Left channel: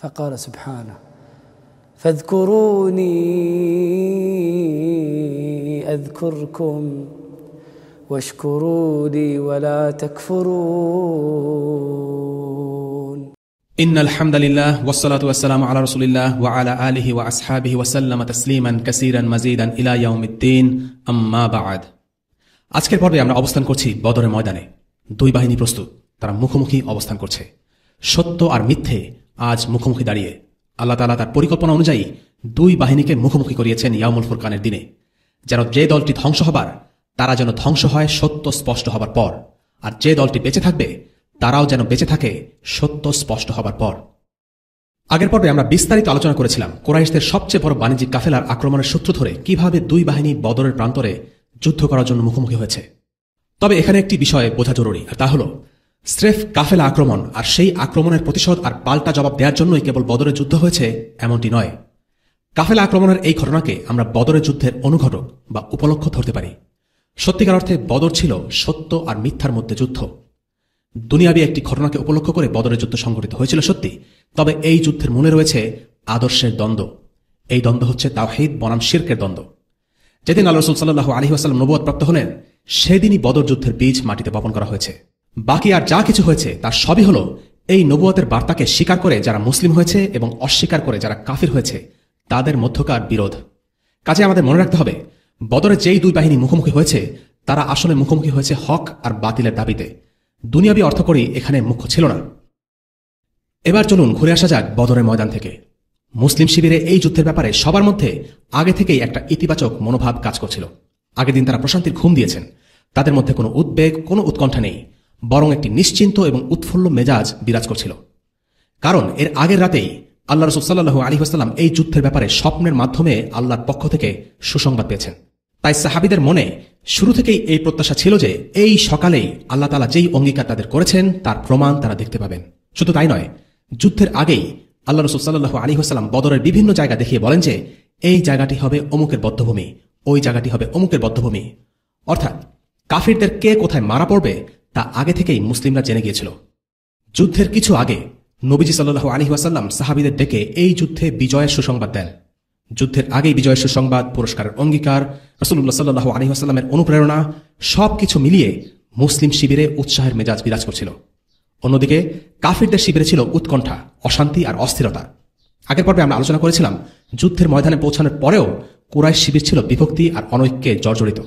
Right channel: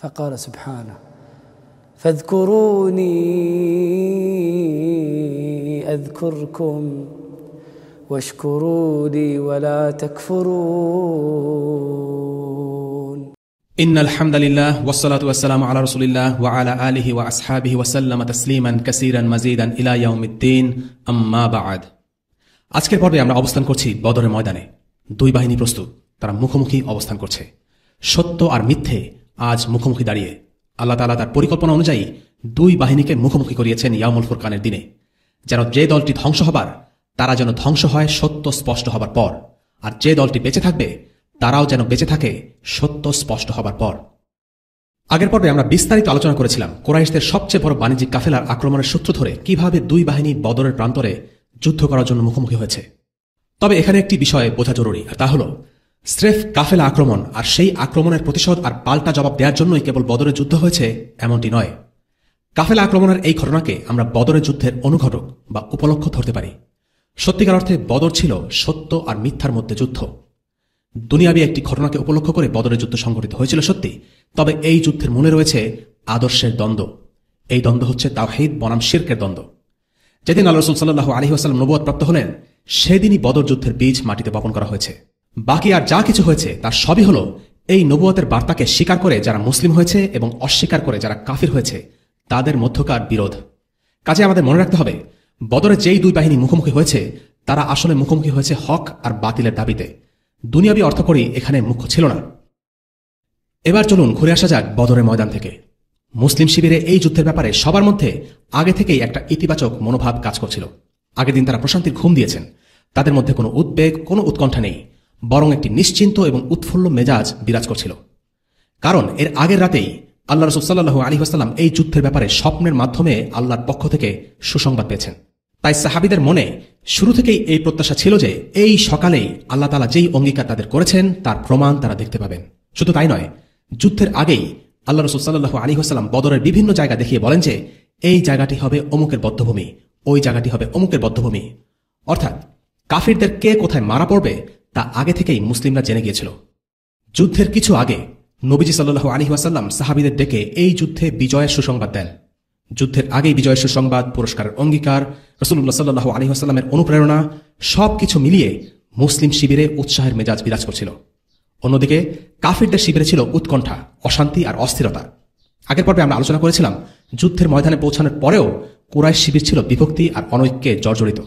فقال سبحانه فاذكروني أذكركم واشكروا لي ولا تكفرون إن الحمد لله والصلاة والسلام على رسول الله وعلى آله وأصحابه وسلم تسليما كثيرا مزيدا إلى يوم الدين أما بعد আজকের পর্বে আমরা অবস্থান করছি বদরের ময়দানে। দুই বাহিনী প্রস্তুত, তারা মুখোমুখি অবস্থান করছে। সত্য আর মিথ্যে আজ মুখোমুখি দাঁড়িয়ে আল্লাহ তাআলা তার পরিকল্পনা অনুযায়ী দুই বাহিনীকে মুখোমুখি করিয়েছেন ইয়াউমুল ফুরকানের দিনে, যেন যে দলটি ধ্বংস হবার তারা যেন ধ্বংস হয় সত্য স্পষ্ট হবার পর, আর যে দলটি বেঁচে থাকবে তারাও যেন বেঁচে থাকে সত্য স্পষ্ট হবার পর। আগের পর্বে আমরা বিস্তারিত আলোচনা করেছিলাম কুরাইশদের সবচেয়ে বড় বাণিজ্যিক কাফেলার আক্রমণের সূত্র ধরে কিভাবে দুই বাহিনী বদরের প্রান্তরে যুদ্ধ করার জন্য মুখোমুখি হয়েছে। তবে এখানে একটি বিষয় বোঝা জরুরি, আর তা হল স্রেফ কাফেলা আক্রমণ আর সেই আক্রমণের প্রতিশোধ আর পাল্টা জবাব দেওয়ার জন্যই কেবল বদরের যুদ্ধ হয়েছে এমনটি নয়। কাফেলা আক্রমণের এই ঘটনাকে আমরা বদরের যুদ্ধের অনুঘটক বা উপলক্ষ ধরতে পারি। সত্যিকার অর্থে বদর ছিল সত্য আর মিথ্যার মধ্যে যুদ্ধ। দুনিয়াবী একটি ঘটনাকে উপলক্ষ করে বদরের যুদ্ধ সংঘটিত হয়েছিল সত্যি, তবে এই যুদ্ধের মনে রয়েছে আদর্শের দ্বন্দ্ব। এই দ্বন্দ্ব হচ্ছে তাওহীদ বনাম শিরকের দ্বন্দ্ব। যেদিন আল্লাহ রাসূল সাল্লাল্লাহু আলাইহি ওয়াসাল্লাম নবুয়ত প্রাপ্ত হলেন, সেদিনই বদর যুদ্ধের বীজ মাটিতে বপন করা হয়েছে। বাকি আর যা কিছু হয়েছে তার সবই হলো এই নবুয়তের বার্তাকে স্বীকার করে যারা মুসলিম হয়েছে এবং অস্বীকার করে যারা কাফির হয়েছে তাদের মধ্যকার বিরোধ। কাজে আমাদের মনে রাখতে হবে, বদরে যেই দুই বাহিনী মুখোমুখি হয়েছে তারা আসলে মুখোমুখি হয়েছে হক আর বাতিলের দাবিতে। দুনিয়াবী অর্থকড়ি এখানে মুখ্য ছিল না। এবার চলুন ঘুরে আসা যাক বদরের ময়দান থেকে। মুসলিম শিবিরে এই যুদ্ধের ব্যাপারে সবার মধ্যে আগে থেকেই একটা ইতিবাচক মনোভাব কাজ করছিল। আগের দিন তারা প্রশান্তির ঘুম দিয়েছেন। তাদের মধ্যে কোনো উদ্বেগ, কোনো উৎকণ্ঠা নেই, বরং একটি নিশ্চিন্ত এবং উৎফুল্ল মেজাজ বিরাজ করছিল। কারণ এর আগের রাতেই আল্লাহ রাসূল সাল্লাল্লাহু আলাইহি ওয়াসাল্লাম এই যুদ্ধের ব্যাপারে স্বপ্নের মাধ্যমে আল্লাহর পক্ষ থেকে সুসংবাদ পেয়েছেন। তাই সাহাবীদের মনে শুরু থেকেই এই প্রত্যাশা ছিল যে এই সকালেই আল্লাহ তাআলা যেই অঙ্গীকার তাদের করেছেন তার প্রমাণ তারা দেখতে পাবেন। শুধু তাই নয়, যুদ্ধের আগেই আল্লাহ রাসূল সাল্লাল্লাহু আলাইহি ওয়াসাল্লাম বদরের বিভিন্ন জায়গা দেখিয়ে বলেন যে এই জায়গাটি হবে অমুকের বধ্যভূমি, ওই জায়গাটি হবে অমুকের বধ্যভূমি। অর্থাৎ কাফিরদের কে কোথায় মারা পড়বে তা আগে থেকেই মুসলিমরা জেনে গিয়েছিল। যুদ্ধের কিছু আগে নবীজি সাল্লাল্লাহু আলাইহি ওয়াসাল্লাম সাহাবীদের ডেকে এই যুদ্ধে বিজয়ের সুসংবাদ দেন। যুদ্ধের আগেই বিজয়ের সুসংবাদ, পুরস্কারের অঙ্গীকার, রাসূলুল্লাহ সাল্লাল্লাহু আলাইহি ওয়াসাল্লামের অনুপ্রেরণা সবকিছু মিলিয়ে মুসলিম শিবিরে উৎসাহের মেজাজ বিরাজ করছিল। অন্যদিকে কাফিরদের শিবিরে ছিল উৎকণ্ঠা, অশান্তি আর অস্থিরতা। আগের পর্বে আমরা আলোচনা করেছিলাম যুদ্ধের ময়দানে পৌঁছানোর পরেও কুরাইশ শিবির ছিল বিভক্তি আর অনৈক্যে জর্জরিত।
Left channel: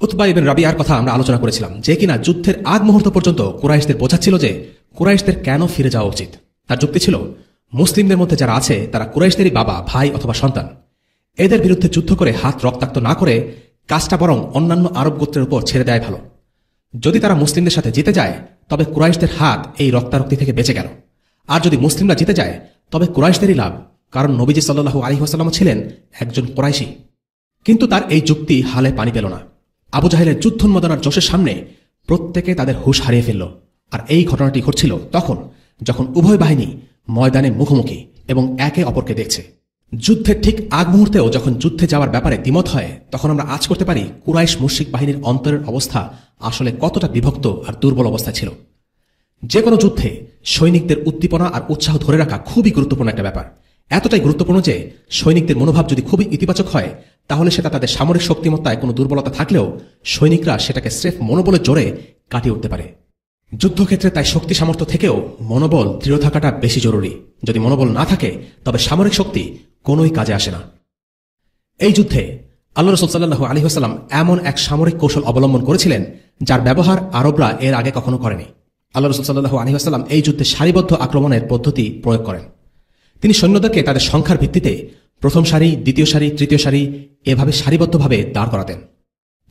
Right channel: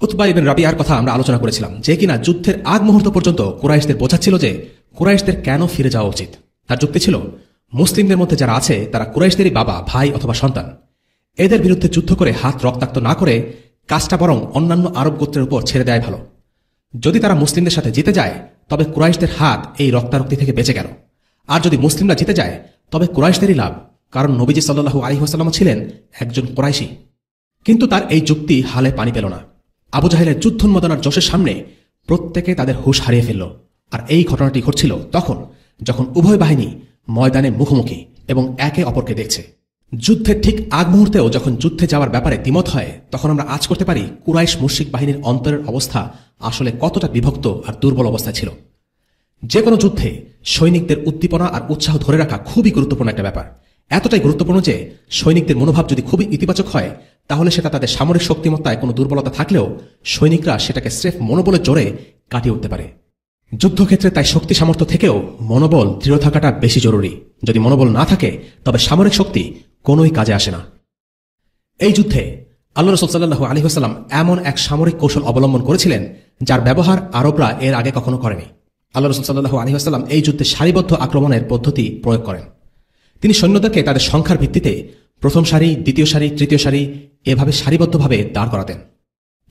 উতবা ইবনে রাবিয়ার কথা আমরা আলোচনা করেছিলাম, যে কিনা যুদ্ধের আগ মুহূর্ত পর্যন্ত কুরাইশদের বোঝাচ্ছিল যে কুরাইশদের কেন ফিরে যাওয়া উচিত। তার যুক্তি ছিল, মুসলিমদের মধ্যে যারা আছে তারা কুরাইশদেরই বাবা, ভাই অথবা সন্তান। এদের বিরুদ্ধে যুদ্ধ করে হাত রক্তাক্ত না করে কাজটা বরং অন্যান্য আরব গোত্রের উপর ছেড়ে দেয় ভালো। যদি তারা মুসলিমদের সাথে জিতে যায় তবে কুরাইশদের হাত এই রক্তারক্তি থেকে বেঁচে গেল, আর যদি মুসলিমরা জিতে যায় তবে কুরাইশদেরই লাভ, কারণ নবীজি সাল্লাল্লাহু আলাইহি ওয়াসাল্লাম ছিলেন একজন কুরাইশী। কিন্তু তার এই যুক্তি হালে পানি পেল না। আবু জাহেলের যুদ্ধোন্মাদনার জোশের সামনে প্রত্যেকে তাদের হুঁশ হারিয়ে ফেলল। আর এই ঘটনাটি ঘটছিল তখন যখন উভয় বাহিনী ময়দানে মুখোমুখি এবং একে অপরকে দেখছে। যুদ্ধের ঠিক আগ মুহূর্তেও যখন যুদ্ধে যাওয়ার ব্যাপারে দ্বিমত হয়, তখন আমরা আজ করতে পারি কুরাইশ মুশরিক বাহিনীর অন্তরের অবস্থা আসলে কতটা বিভক্ত আর দুর্বল অবস্থা ছিল। যে কোনো যুদ্ধে সৈনিকদের উদ্দীপনা আর উৎসাহ ধরে রাখা খুবই গুরুত্বপূর্ণ একটা ব্যাপার। এতটাই গুরুত্বপূর্ণ যে সৈনিকদের মনোভাব যদি খুবই ইতিবাচক হয় তাহলে সেটা তাদের সামরিক শক্তিমত্তায় কোনো দুর্বলতা থাকলেও সৈনিকরা সেটাকে স্রেফ মনোবলের জোরে কাটিয়ে উঠতে পারে। যুদ্ধক্ষেত্রে তাই শক্তি সামর্থ্য থেকেও মনোবল দৃঢ় থাকাটা বেশি জরুরি। যদি মনোবল না থাকে তবে সামরিক শক্তি কোনোই কাজে আসে না। এই যুদ্ধে আল্লাহ রাসূল সাল্লাল্লাহু আলাইহি ওয়াসাল্লাম এমন এক সামরিক কৌশল অবলম্বন করেছিলেন যার ব্যবহার আরবরা এর আগে কখনো করেনি। আল্লাহ রাসূল সাল্লাল্লাহু আলাইহি ওয়াসাল্লাম এই যুদ্ধে সারিবদ্ধ আক্রমণের পদ্ধতি প্রয়োগ করেন। তিনি সৈন্যদেরকে তাদের সংখ্যার ভিত্তিতে প্রথম সারি, দ্বিতীয় সারি, তৃতীয় সারি এভাবে সারিবদ্ধভাবে দাঁড় করাতেন।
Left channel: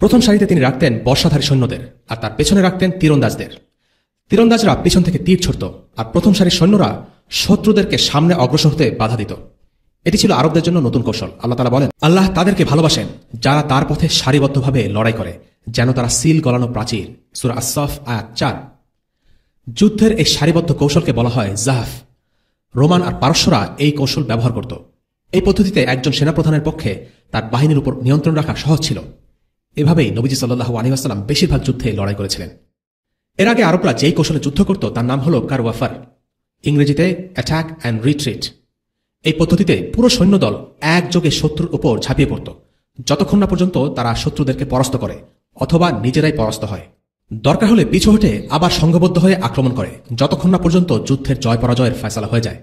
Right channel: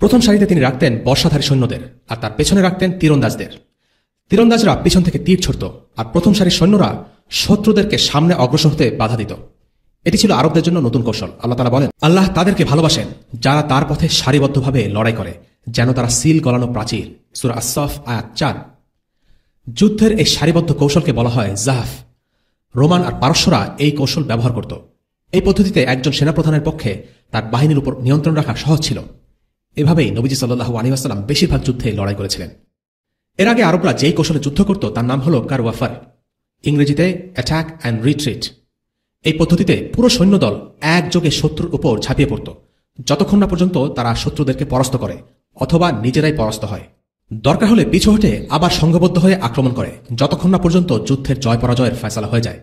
প্রথম সারিতে তিনি রাখতেন বর্ষাধারী সৈন্যদের, আর তার পেছনে রাখতেন তীরন্দাজদের। তীরন্দাজরা পিছন থেকে তীর ছড়ত, আর প্রথম সারির সৈন্যরা শত্রুদেরকে সামনে অগ্রসর হতে বাধা দিত। এটি ছিল আরবদের জন্য নতুন কৌশল। আল্লাহ তাআলা বলেন, আল্লাহ তাদেরকে ভালোবাসেন যারা তার পথে সারিবদ্ধভাবে লড়াই করে, যেন তারা সিল গলানো প্রাচীর। সূরা আস-সাফ আয়াত 4। যুদ্ধের এই সারিবদ্ধ কৌশলকে বলা হয় জাহফ। রোমান আর পারস্যরা এই কৌশল ব্যবহার করত। এই পদ্ধতিতে একজন সেনাপ্রধানের পক্ষে তার বাহিনীর উপর নিয়ন্ত্রণ রাখা সহজ ছিল। এভাবেই নবীজি সাল্লাল্লাহু আলাইহি ওয়াসাল্লাম বেশিরভাগ যুদ্ধে লড়াই করেছিলেন। এর আগে আরবরা যে কৌশলে যুদ্ধ করত তার নাম হল কারওয়াফার। ইংরেজিতে অ্যাটাক অ্যান্ড রিট্রিট। এই পদ্ধতিতে পুরো সৈন্যদল একযোগে শত্রুর উপর ঝাঁপিয়ে পড়ত, যতক্ষণ না পর্যন্ত তারা শত্রুদেরকে পরাস্ত করে অথবা নিজেরাই পরাস্ত হয়। দরকার হলে পিছু হটে আবার সংঘবদ্ধ হয়ে আক্রমণ করে, যতক্ষণ না পর্যন্ত যুদ্ধের জয় পরাজয়ের ফয়সালা হয়ে যায়।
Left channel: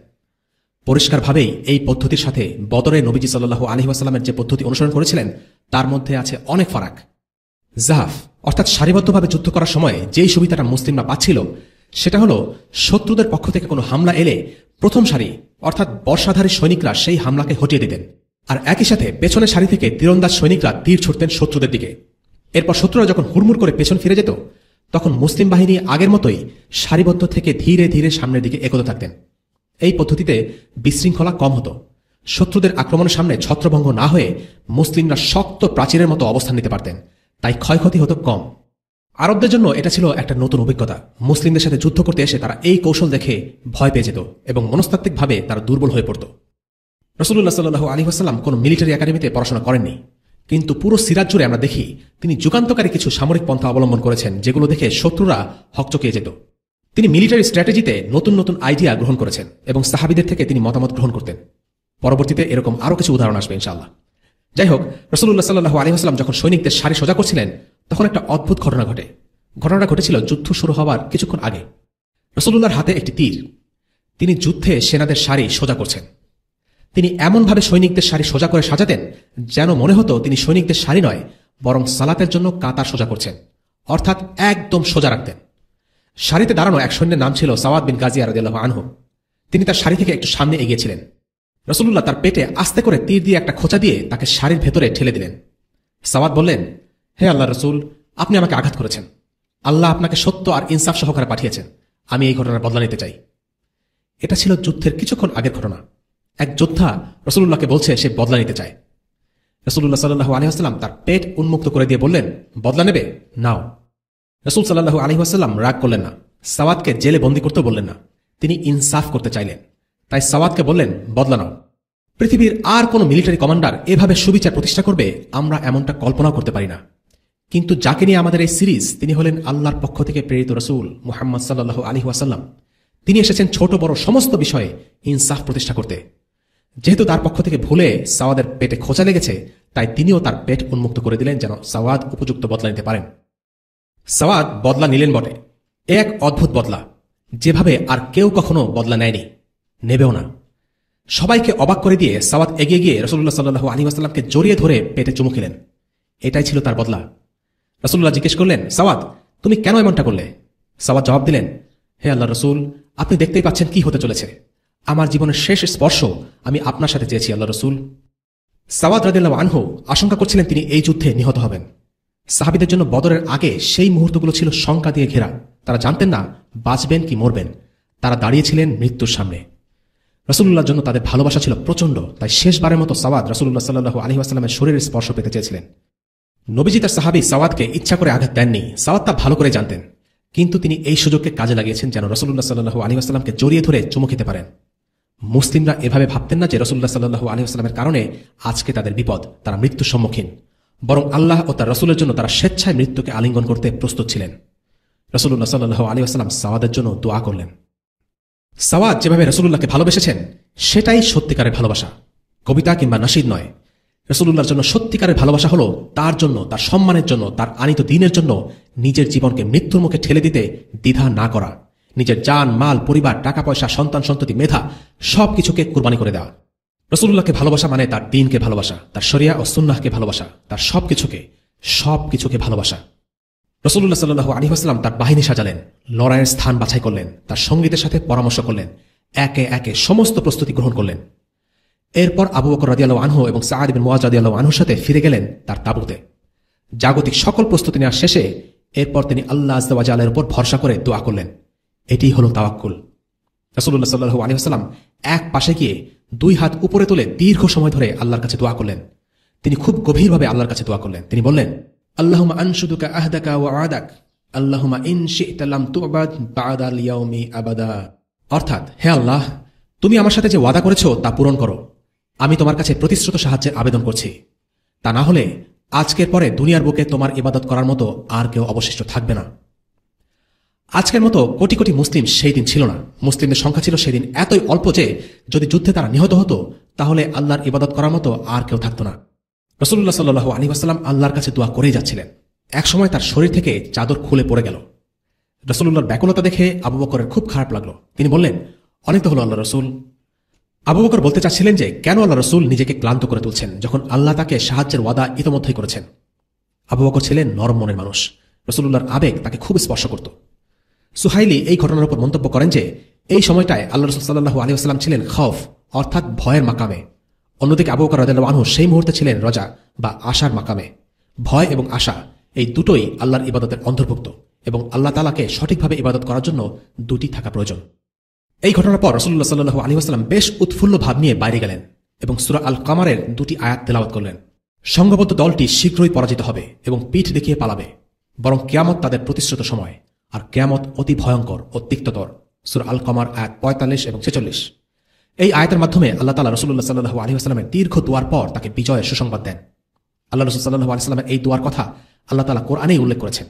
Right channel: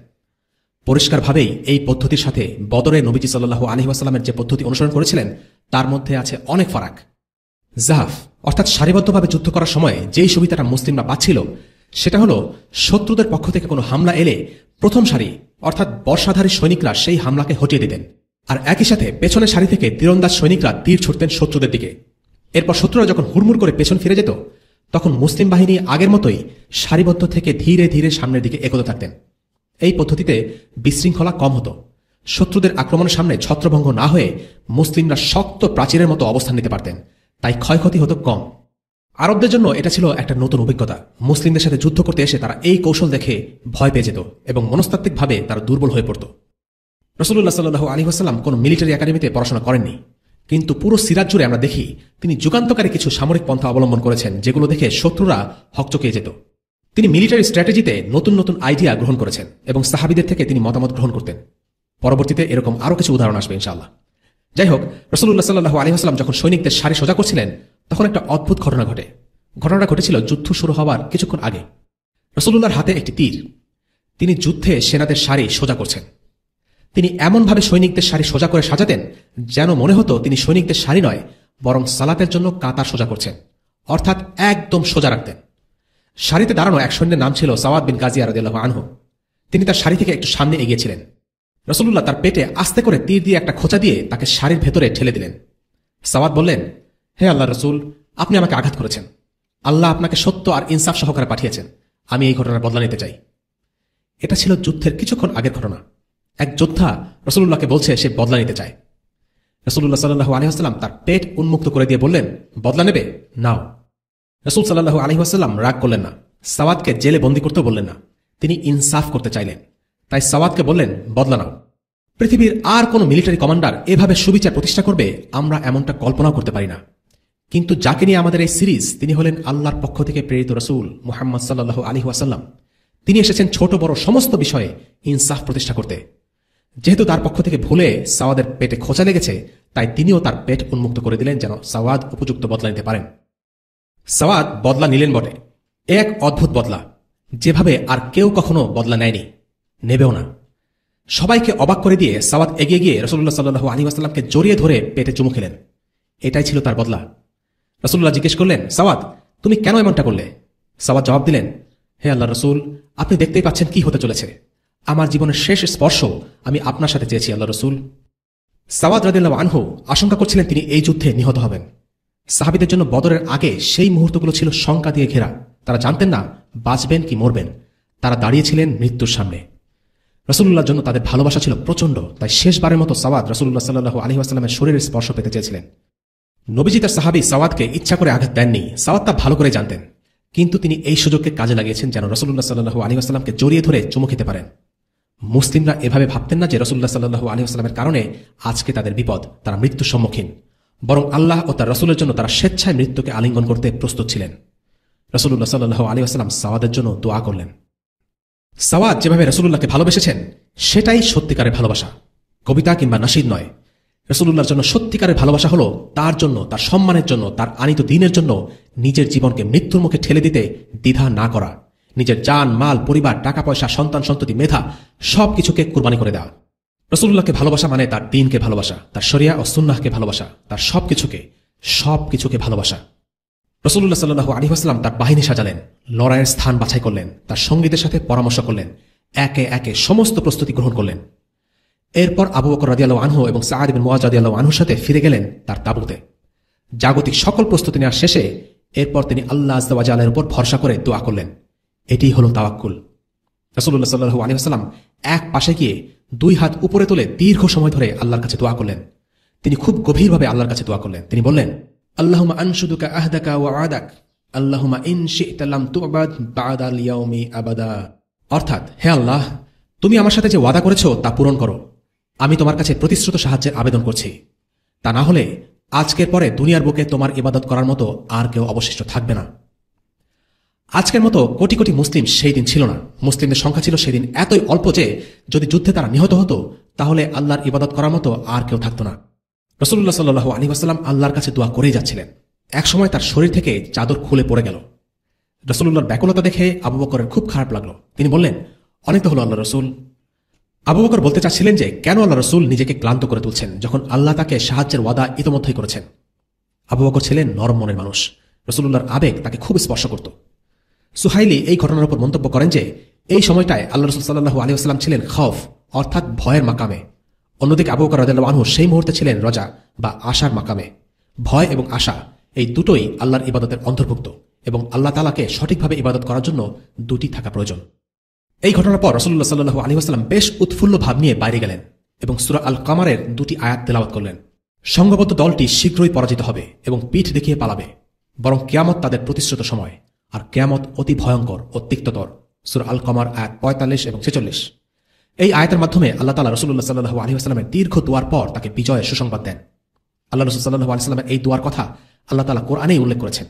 পরিষ্কারভাবেই এই পদ্ধতির সাথে বদরে নবীজি সাল্লাল্লাহু আলাইহি ওয়াসাল্লামের যে পদ্ধতি অনুসরণ করেছিলেন তার মধ্যে আছে অনেক ফারাক। জাহাফ অর্থাৎ সারিবদ্ধভাবে যুদ্ধ করার সময় যেই সুবিধাটা মুসলিমরা পাচ্ছিল সেটা হলো শত্রুদের পক্ষ থেকে কোনো হামলা এলে প্রথম সারি অর্থাৎ বর্ষাধারী সৈনিকরা সেই হামলাকে হটিয়ে দিতেন, আর একই সাথে পেছনের সারি থেকে তীরন্দাজ সৈনিকরা তীর ছুটতেন শত্রুদের দিকে। এরপর শত্রুরা যখন হুড়মুড় করে পেছন ফিরে যেত তখন মুসলিম বাহিনী আগের মতোই সারিবদ্ধ থেকে ধীরে ধীরে সামনের দিকে এগোতে থাকতেন। এই পদ্ধতিতে বিশৃঙ্খলা কম হতো। শত্রুদের আক্রমণের সামনে ছত্রভঙ্গ না হয়ে মুসলিমরা শক্ত প্রাচীরের মতো অবস্থান নিতে পারতেন, তাই ক্ষয়ক্ষতি হতো কম। আরবদের জন্য এটা ছিল একটা নতুন অভিজ্ঞতা। মুসলিমদের সাথে যুদ্ধ করতে এসে তারা এই কৌশল দেখে ভয় পেয়ে যেত এবং মনস্তাত্ত্বিকভাবে তারা দুর্বল হয়ে পড়ত। রাসূলুল্লাহ সাল্লাল্লাহু আলাইহি ওয়াসাল্লাম কোন মিলিটারি একাডেমিতে পড়াশোনা করেননি, কিন্তু পুরো সিরাত জুড়ে আমরা দেখি তিনি যুগান্তকারী কিছু সামরিক পন্থা অবলম্বন করেছেন, যেগুলো দেখে শত্রুরা হকচকিয়ে যেত। তিনি মিলিটারি স্ট্র্যাটেজিতে নতুন নতুন আইডিয়া গ্রহণ করেছেন এবং সাহাবীদের থেকে তিনি মতামত গ্রহণ করতেন। পরবর্তীতে এরকম আরো কিছু উদাহরণ আসবে ইনশাআল্লাহ। যাই হোক, রাসূলুল্লাহ সাল্লাল্লাহু আলাইহি ওয়াসাল্লাম যখন সৈনিকদের সারি সোজা করছিলেন তখন একটা অদ্ভুত ঘটনা ঘটে। ঘটনাটা ঘটেছিল যুদ্ধ শুরু হওয়ার কিছুক্ষণ আগে। রাসূলুল্লাহর হাতে একটি তীর। তিনি যুদ্ধে সেনাদের সারি সোজা করছেন। তিনি এমনভাবে সৈনিকদের সারি সোজা করে সাজাতেন যেন মনে হতো তিনি সৈনিকদের সারি নয় বরং সালাতের জন্য কাতার সোজা করছেন, অর্থাৎ একদম সোজা রাখতেন। সারিতে দাঁড়ানো এক সৈন্যের নাম ছিল সাওয়াদ বিন গাজিয়া রাদিয়াল্লাহু আনহু। তিনি তার সারি থেকে একটু সামনে এগিয়েছিলেন। রাসূলুল্লাহ তার পেটে আস্তে করে তীর দিয়ে একটা খোঁচা দিয়ে তাকে সারির ভেতরে ঠেলে দিলেন। সাওয়াদ বললেন, হে আল্লাহ রাসূল, আপনি আমাকে আঘাত করেছেন। আল্লাহ আপনাকে সত্য আর ইনসাফ সহকারে পাঠিয়েছেন। আমি এই ঘটনার বদলা নিতে চাই। এটা ছিল যুদ্ধের কিছুক্ষণ আগের ঘটনা। এক যোদ্ধা রাসূলুল্লাহকে বলছে সে বদলা নিতে চায়। রাসূলুল্লাহ সাল্লাল্লাহু আলাইহি ওয়াসাল্লাম তার পেট উন্মুক্ত করে দিয়ে বললেন, বদলা নেবে না। রাসূল সাল্লাল্লাহু আলাইহি ওয়াসাল্লাম রাগ করলেন না, সাওয়াদকে জেলে বন্দী করতে বললেন না। তিনি ইনসাফ করতে চাইলেন, তাই সাওয়াদকে বললেন, বদলা না। পৃথিবীর আর কোন মিলিটারি কমান্ডার এভাবে সুবিচার প্রতিষ্ঠা করবে আমরা এমনটা কল্পনা করতে পারি না। কিন্তু যাকে নিয়ে আমাদের এই সিরিজ, তিনি হলেন আল্লাহর পক্ষ থেকে প্রেরিত রাসূল মুহাম্মদ সাল্লাল্লাহু আলাইহি ওয়াসাল্লাম। তিনি এসেছেন ছোট বড় সমস্ত বিষয়ে ইনসাফ প্রতিষ্ঠা করতে। যেহেতু তার পক্ষ থেকে ভুলে সাওয়াদের পেটে খোঁচা লেগেছে, তাই তিনিও তার পেট উন্মুক্ত করে দিলেন যেন সাওয়াদ উপযুক্ত বদলা নিতে পারেন। সাওয়াদ বদলা নিলেন বটে, এক অদ্ভুত বদলা, যেভাবে আর কেউ কখনো বদলা নেয়নি, নেবেও না। সবাইকে অবাক করে দিয়ে সাওয়াদ এগিয়ে গিয়ে রাসূলুল্লাহ সাল্লাল্লাহু আলাইহি ওয়াসাল্লামকে জড়িয়ে ধরে পেটে চুমু খেলেন। এটাই ছিল তার বদলা। রাসূলুল্লাহ জিজ্ঞেস করলেন, সাওয়াদ, তুমি কেন এমনটা করলে? সাওয়াদ জবাব দিলেন, হে আল্লাহ রাসূল, আপনি দেখতেই পাচ্ছেন কি হতে চলেছে। আমার জীবনের শেষ স্পর্শ আমি আপনার সাথে চেয়েছি আল্লাহ রাসূল। সাওয়াদ রাদিয়াল্লাহু আনহু আশঙ্কা করছিলেন তিনি এই যুদ্ধে নিহত হবেন। সাহাবীদের জন্য বদরের আগে সেই মুহূর্তগুলো ছিল শঙ্কা দিয়ে ঘেরা। তারা জানতেন না বাঁচবেন কি মরবেন। তারা দাঁড়িয়েছিলেন মৃত্যুর সামনে। রাসূলুল্লাহর জন্য তাদের ভালোবাসা ছিল প্রচন্ড, তাই শেষবারের মতো সাওয়াদ রাসূলুল্লাহ সাল্লাল্লাহু আলাইহি ওয়াসাল্লামের শরীরের স্পর্শ পেতে চেয়েছিলেন। নবীজি তার সাহাবী সাওয়াদকে ইচ্ছা করে আঘাত দেননি, সাওয়াদ তা ভালো করে জানতেন। কিন্তু তিনি এই সুযোগকে কাজে লাগিয়েছেন যেন রাসূলুল্লাহ সাল্লাল্লাহু আলাইহি ওয়াসাল্লামকে জড়িয়ে ধরে চুমু খেতে পারেন। মুসলিমরা এভাবে ভাবতেন না যে রাসূলুল্লাহ সাল্লাল্লাহু আলাইহি ওয়াসাল্লামের কারণে আজকে তাদের বিপদ, তারা মৃত্যুর সম্মুখীন, বরং আল্লাহ ও তার রাসূলের জন্য তারা স্বেচ্ছায় মৃত্যুকে আলিঙ্গন করতে প্রস্তুত ছিলেন। রাসূলুল্লাহ সাল্লাল্লাহু আলাইহি ওয়াসাল্লাম সাওয়াদের জন্য দোয়া করলেন। সাওয়াদ যেভাবে রাসূলুল্লাহকে ভালোবেসেছেন সেটাই সত্যিকারের ভালোবাসা, কবিতা কিংবা নসির নয়। রাসূলুল্লাহর জন্য সত্যিকারের ভালোবাসা হলো তার জন্য, তার সম্মানের জন্য, তার আনিত দ্বীনের জন্য নিজের জীবনকে মৃত্যুর মুখে ঠেলে দিতে দ্বিধা না করা, নিজের জান, মাল, পরিবার, টাকা পয়সা, সন্তান সন্ততি, মেধা সবকিছুকে কুরবানি করে দেওয়া। রাসূলুল্লাহকে ভালোবাসা মানে তার দ্বীনকে ভালোবাসা, তার শরিয়া ও সুন্নাহকে ভালোবাসা, তার সবকিছুকে ভালোবাসা। রাসূলুল্লাহ সাল্লাল্লাহু আলাইহি ওয়াসাল্লাম তার বাহিনী সাজালেন, লড়াইয়ের স্থান বাছাই করলেন, তার সঙ্গীদের সাথে পরামর্শ করলেন, একে একে সমস্ত প্রস্তুতি গ্রহণ করলেন। এরপর আবু বকর রাদিয়াল্লাহু আনহু এবং সাআদ বিন মুআয রাদিয়াল্লাহু আনহুর সাথে ফিরে গেলেন তার তাঁবুতে। জাগতিক সকল প্রস্তুতি নেওয়ার শেষে এরপর তিনি আল্লাহ আযজা ওয়া জাল্লার উপর ভরসা করে দোয়া করলেন। এটাই হলো তাওয়াক্কুল। রাসূলুল্লাহ সাল্লাল্লাহু আলাইহি ওয়াসাল্লাম এক পাশে গিয়ে দুই হাত উপরে তুলে দীর্ঘ সময় ধরে আল্লাহর কাছে দোয়া করলেন। তিনি খুব গভীরভাবে আল্লাহর কাছে দোয়া করলেন। তিনি বললেন, আল্লাহুম্মা আনশুদুকা আহদাকা ওয়া আদাক, আল্লাহুম্মা ইন শি'তা লাম তু'বাদ বা'দাল ইয়াউমি আবাদা। অর্থাৎ, হে আল্লাহ, তুমি আমার সাথে যে ওয়াদা করেছো তা পূরণ করো। আমি তোমার কাছে প্রতিশ্রুত সাহায্যের আবেদন করছি। তা না হলে আজকের পরে দুনিয়ার বুকে তোমার ইবাদত করার মতো আর কেউ অবশিষ্ট থাকবে না। আজকের মতো কোটি কোটি মুসলিম সেই দিন ছিল না। মুসলিমদের সংখ্যা ছিল সেদিন এতই অল্প যে যদি যুদ্ধে তারা নিহত হতো তাহলে আল্লাহর ইবাদত করার মতো আর কেউ থাকতো না। রাসূলুল্লাহ সাল্লাল্লাহু আলাইহি ওয়াসাল্লাম আল্লাহর কাছে দোয়া করেই যাচ্ছিলেন। এক সময় তার শরীর থেকে চাদর খুলে পড়ে গেল। রাসূলুল্লাহর ব্যাকুলতা দেখে আবু বকরের খুব খারাপ লাগলো। তিনি বললেন, অনেক তো হলো আল্লাহ রাসূল। আবু বকর বলতে চাচ্ছিলেন যে কেন আল্লাহ রাসূল নিজেকে ক্লান্ত করে তুলছেন যখন আল্লাহ তাকে সাহায্যের ওয়াদা ইতোমধ্যেই করেছেন। আবু বকর ছিলেন নরম মনের মানুষ। রাসূলুল্লাহর আবেগ তাকে খুব স্পর্শ করত। সুহাইলি এই ঘটনার উপর মন্তব্য করেন যে এই সময়টায় আল্লাহ রাসূল সাল্লাল্লাহু আলাইহি ওয়াসাল্লাম ছিলেন খৌফ অর্থাৎ ভয়ের মাকামে। অন্যদিকে আবু বকর রাদিয়াল্লাহু আনহু সেই মুহূর্তে ছিলেন রজা বা আশার মাকামে। ভয় এবং আশা এই দুটোই আল্লাহর ইবাদতের অন্তর্ভুক্ত এবং আল্লাহ তাআলাকে সঠিকভাবে ইবাদত করার জন্য দুটি থাকা প্রয়োজন। এই ঘটনার পর রাসূলুল্লাহ সাল্লাল্লাহু আলাইহি ওয়াসাল্লাম বেশ উৎফুল্ল ভাব নিয়ে বাইরে গেলেন এবং সূরা আল কামারের 2টি আয়াত তেলাওয়াত করলেন। সংঘবদ্ধ দলটি শীঘ্রই পরাজিত হবে এবং পিঠ দেখিয়ে পালাবে, বরং কিয়ামত তাদের প্রতিশ্রুত সময়, আর কিয়ামত অতি ভয়ঙ্কর ও তিক্ততর। সূরা আল কামার আয়াত 45 এবং 46। এই আয়াতের মাধ্যমে আল্লাহ তাআলা রাসূলুল্লাহ সাল্লাল্লাহু আলাইহি ওয়াসাল্লামের দীর্ঘ দোয়ার পর তাকে বিজয়ের সুসংবাদ দেন। আল্লাহ রাসূল সাল্লাল্লাহু আলাইহি ওয়াসাল্লামের এই দোয়ার কথা আল্লাহ তাআলা কোরআনে উল্লেখ করেছেন।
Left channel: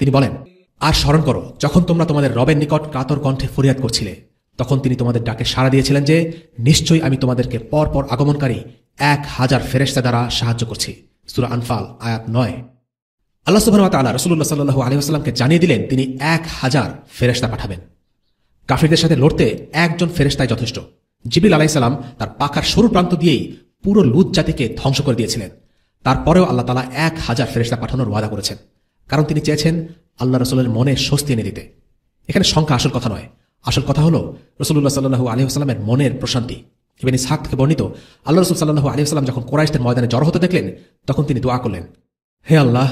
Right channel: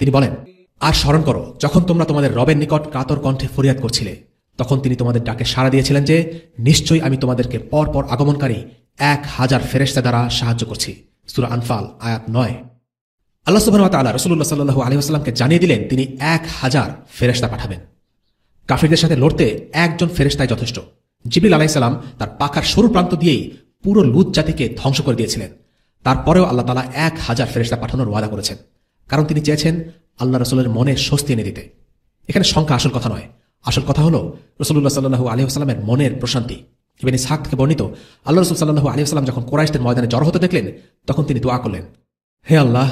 তিনি বলেন, আর স্মরণ করো যখন তোমরা তোমাদের রবের নিকট কাতর কণ্ঠে ফরিয়াদ করছিলে, তখন তিনি তোমাদের ডাকে সাড়া দিয়েছিলেন যে নিশ্চয়ই আমি তোমাদেরকে পরপর আগমনকারী 1000 ফেরেশতা দ্বারা সাহায্য করছি। সূরা আনফাল আয়াত 9। আল্লাহ সুবহানাহু ওয়া তাআলা রাসূলুল্লাহ সাল্লাল্লাহু আলাইহি ওয়াসাল্লামকে জানিয়ে দিলেন তিনি 1000 ফেরেশতা পাঠাবেন। কাফিরদের সাথে লড়তে একজন ফেরেশতাই যথেষ্ট। জিবরিল আলাইহিস সালাম তার পাখার সরু প্রান্ত দিয়েই পুরো লুত জাতিকে ধ্বংস করে দিয়েছিলেন। তারপরেও আল্লাহ তাআলা 1000 ফেরেশতা পাঠানোর ওয়াদা করেছেন, কারণ তিনি চেয়েছেন আল্লাহ রাসূলের মনে স্বস্তি এনে দিতে। এখানে সংখ্যা আসল কথা নয়, আসল কথা হলো রাসূলুল্লাহ সাল্লাল্লাহু আলাইহি ওয়াসাল্লামের মনের প্রশান্তি। ইবনে ইসহাক থেকে বর্ণিত, আল্লাহ রাসূল সাল্লাল্লাহু আলাইহি ওয়াসাল্লাম যখন কুরাইশদের ময়দানে জড়ো হতে দেখলেন তখন তিনি দোয়া করলেন, হে আল্লাহ,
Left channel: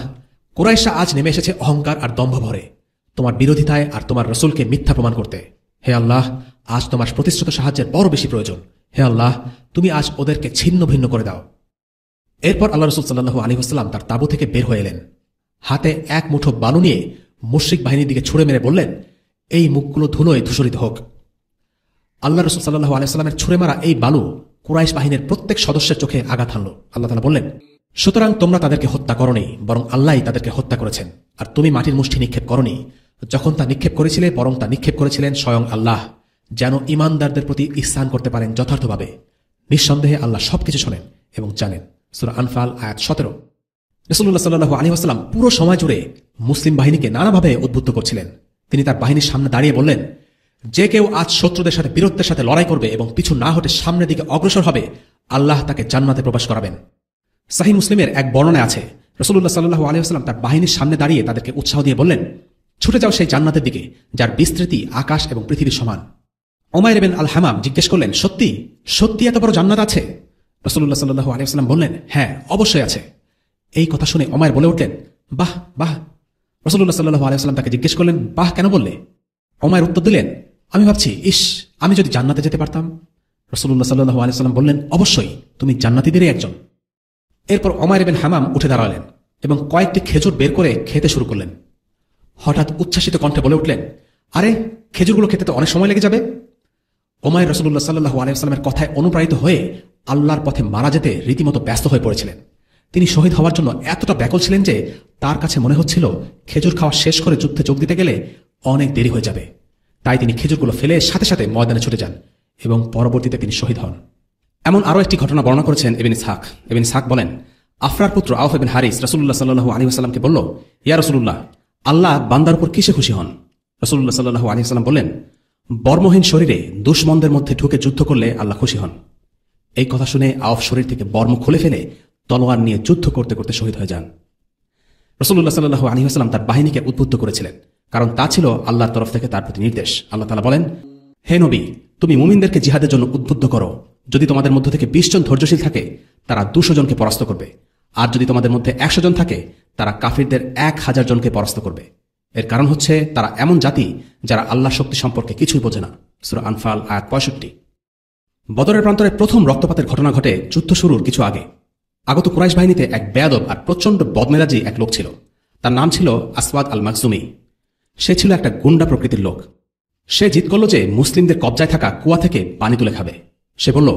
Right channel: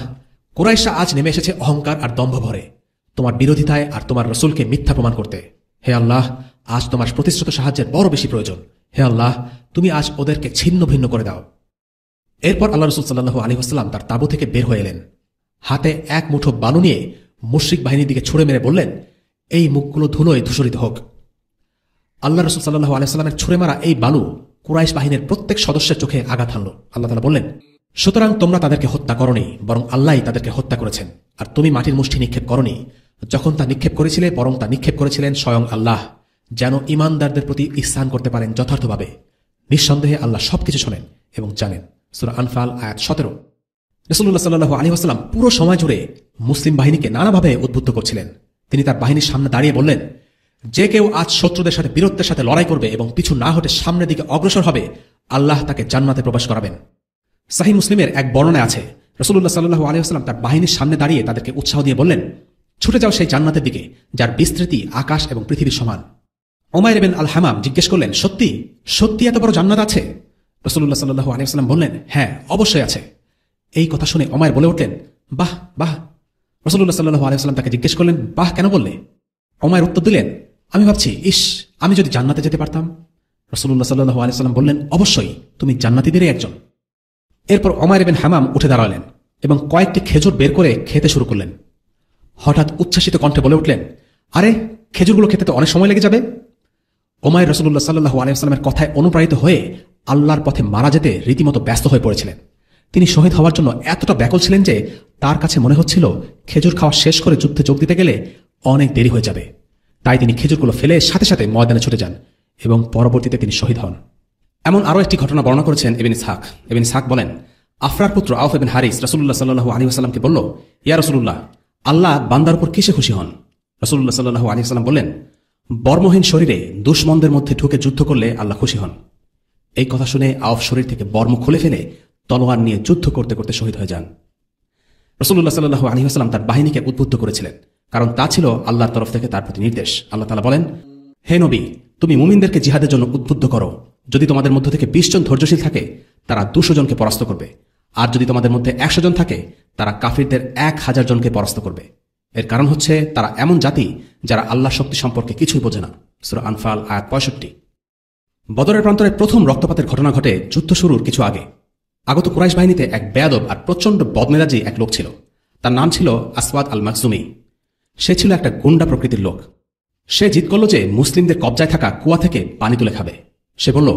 কুরাইশরা আজ নেমে এসেছে অহংকার আর দম্ভ ভরে তোমার বিরোধিতায় আর তোমার রাসূলকে মিথ্যা প্রমাণ করতে। হে আল্লাহ, আজ তোমার প্রতিশ্রুত সাহায্যের বড় বেশি প্রয়োজন। হে আল্লাহ, তুমি আজ ওদেরকে ছিন্ন ভিন্ন করে দাও। এরপর আল্লাহ রাসূল সাল্লাল্লাহু আলাইহি ওয়াসাল্লাম তার তাঁবু থেকে বের হয়ে এলেন। হাতে এক মুঠো বালু নিয়ে মুশরিক বাহিনীর দিকে ছুড়ে মেরে বললেন, এই মুখগুলো ধুলোয় ধূসরিত হোক। আল্লাহ রাসূল সাল্লাল্লাহু আলাইহি ওয়াসাল্লামের ছুড়ে মারা এই বালু কুরাইশ বাহিনীর প্রত্যেক সদস্যের চোখে আঘাত হানল। আল্লাহ তাআলা বললেন, সুতরাং তোমরা তাদেরকে হত্যা করনি, বরং আল্লাহই তাদেরকে হত্যা করেছেন। আর তুমি মাটির মুষ্টি নিক্ষেপ করনি, যখন তা নিক্ষেপ করেছিলে বরং তা নিক্ষেপ করেছিলেন স্বয়ং আল্লাহ, যেন ঈমানদারদের প্রতি ইহসান করতে পারেন যথার্থভাবে। নিঃসন্দেহে আল্লাহ সবকিছু শোনেন এবং জানেন। সূরা আনফাল আয়াত 17। রাসূলুল্লাহ সাল্লাল্লাহু আলাইহি ওয়াসাল্লাম পুরো সময় জুড়ে মুসলিম বাহিনীকে নানাভাবে উদ্বুদ্ধ করছিলেন। তিনি তার বাহিনীর সামনে দাঁড়িয়ে বললেন, যে কেউ আজ শত্রুদের সাথে বীরত্বের সাথে লড়াই করবে এবং পিছু না হতে সামনের দিকে অগ্রসর হবে, আল্লাহ তাকে জান্নাতে প্রবেশ করাবেন। সহিহ মুসলিমের এক বর্ণনায় আছে, রাসূলুল্লাহ সাল্লাল্লাহু আলাইহি ওয়াসাল্লাম তার বাহিনীর সামনে দাঁড়িয়ে তাদেরকে উৎসাহ দিয়ে বললেন, ছুটে যাও সেই জান্নাতের দিকে যার বিস্তৃতি আকাশ এবং পৃথিবীর সমান। উমাইর ইবনে আল হামাম জিজ্ঞেস করলেন, সত্যি সত্যি এত বড় জান্নাত আছে? রাসূলুল্লাহ সাল্লাল্লাহু আলাইহি ওয়াসাল্লাম বললেন, হ্যাঁ অবশ্যই আছে। এই কথা শুনে উমাইর বলে উঠলেন, বাহ বাহ। রাসূলুল্লাহ সাল্লাল্লাহু আলাইহি ওয়াসাল্লাম তাকে জিজ্ঞেস করলেন, বাহ কেন বললে? উমাইর উত্তর দিলেন, আমি ভাবছি, ইস, আমি যদি জান্নাতে যেতে পারতাম। রাসূলুল্লাহ সাল্লাল্লাহু আলাইহি ওয়াসাল্লাম বললেন, অবশ্যই, তুমি জান্নাতীদেরই একজন। এরপর উমাইর ইবনে হামাম উঠে দাঁড়ালেন এবং কয়েকটি খেজুর বের করে খেতে শুরু করলেন। হঠাৎ উচ্ছ্বাসিত কণ্ঠে বলে উঠলেন, আরে খেজুরগুলো খেতে তো অনেক সময় লেগে যাবে। উমাইর রাসূলুল্লাহ সাল্লাল্লাহু আলাইহি ওয়াসাল্লামের কথায় অনুপ্রাণিত হয়ে আল্লাহর পথে মারা যেতে রীতিমতো ব্যস্ত হয়ে পড়েছিলেন। তিনি শহীদ হওয়ার জন্য এতটা ব্যাকুল ছিলেন যে তার কাছে মনে হচ্ছিল খেজুর খাওয়া শেষ করে যুদ্ধে যোগ দিতে গেলে অনেক দেরি হয়ে যাবে। তাই তিনি খেজুরগুলো ফেলে সাথে সাথে ময়দানে ছুটে যান এবং পরবর্তীতে তিনি শহীদ হন। এমন আরো একটি ঘটনা বর্ণনা করেছেন ইবনে ইসহাক। ইবনে ইসহাক বলেন, আফরার পুত্র আউফ ইবনে হারিস রাসূলুল্লাহ সাল্লাল্লাহু আলাইহি ওয়াসাল্লামকে বলল, ইয়া রাসূলুল্লাহ, আল্লাহ বান্দার উপর কিসে খুশি হন? রাসূলুল্লাহ সাল্লাল্লাহু আলাইহি ওয়াসাল্লাম বললেন, বর্মহীন শরীরে দুশমনদের মধ্যে ঢুকে যুদ্ধ করলে আল্লাহ খুশি হন। এই কথা শুনে আউফ শরীর থেকে বর্ম খুলে ফেলে তলোয়ার নিয়ে যুদ্ধ করতে করতে শহীদ হয়ে যান। রাসূলুল্লাহ সাল্লাল্লাহু আলাইহি ওয়াসাল্লাম তার বাহিনীকে উদ্বুদ্ধ করেছিলেন, কারণ তা ছিল আল্লাহর তরফ থেকে তার প্রতি নির্দেশ। আল্লাহ তাআলা বলেন, হে নবী, তুমি মুমিনদেরকে জিহাদের জন্য উদ্বুদ্ধ করো। যদি তোমাদের মধ্য থেকে 20 জন ধৈর্যশীল থাকে, তারা 200 জনকে পরাস্ত করবে। আর যদি তোমাদের মধ্যে 100 জন থাকে, তারা কাফিরদের 1000 জনকে পরাস্ত করবে। এর কারণ হচ্ছে তারা এমন জাতি যারা আল্লাহর শক্তি সম্পর্কে কিছুই বোঝে না। সূরা আনফাল আয়াত 65। বদরের প্রান্তরে প্রথম রক্তপাতের ঘটনা ঘটে যুদ্ধ শুরুর কিছু আগে। আগত কুরাইশ বাহিনীতে এক বেয়াদব আর প্রচন্ড বদমেজাজি এক লোক ছিল। তার নাম ছিল আসওয়াদ আল মাকজুমি। সে ছিল একটা গুন্ডা প্রকৃতির লোক। সে জিদ করল যে মুসলিমদের কবজায় থাকা কুয়া থেকে পানি তুলে খাবে। সে বলল,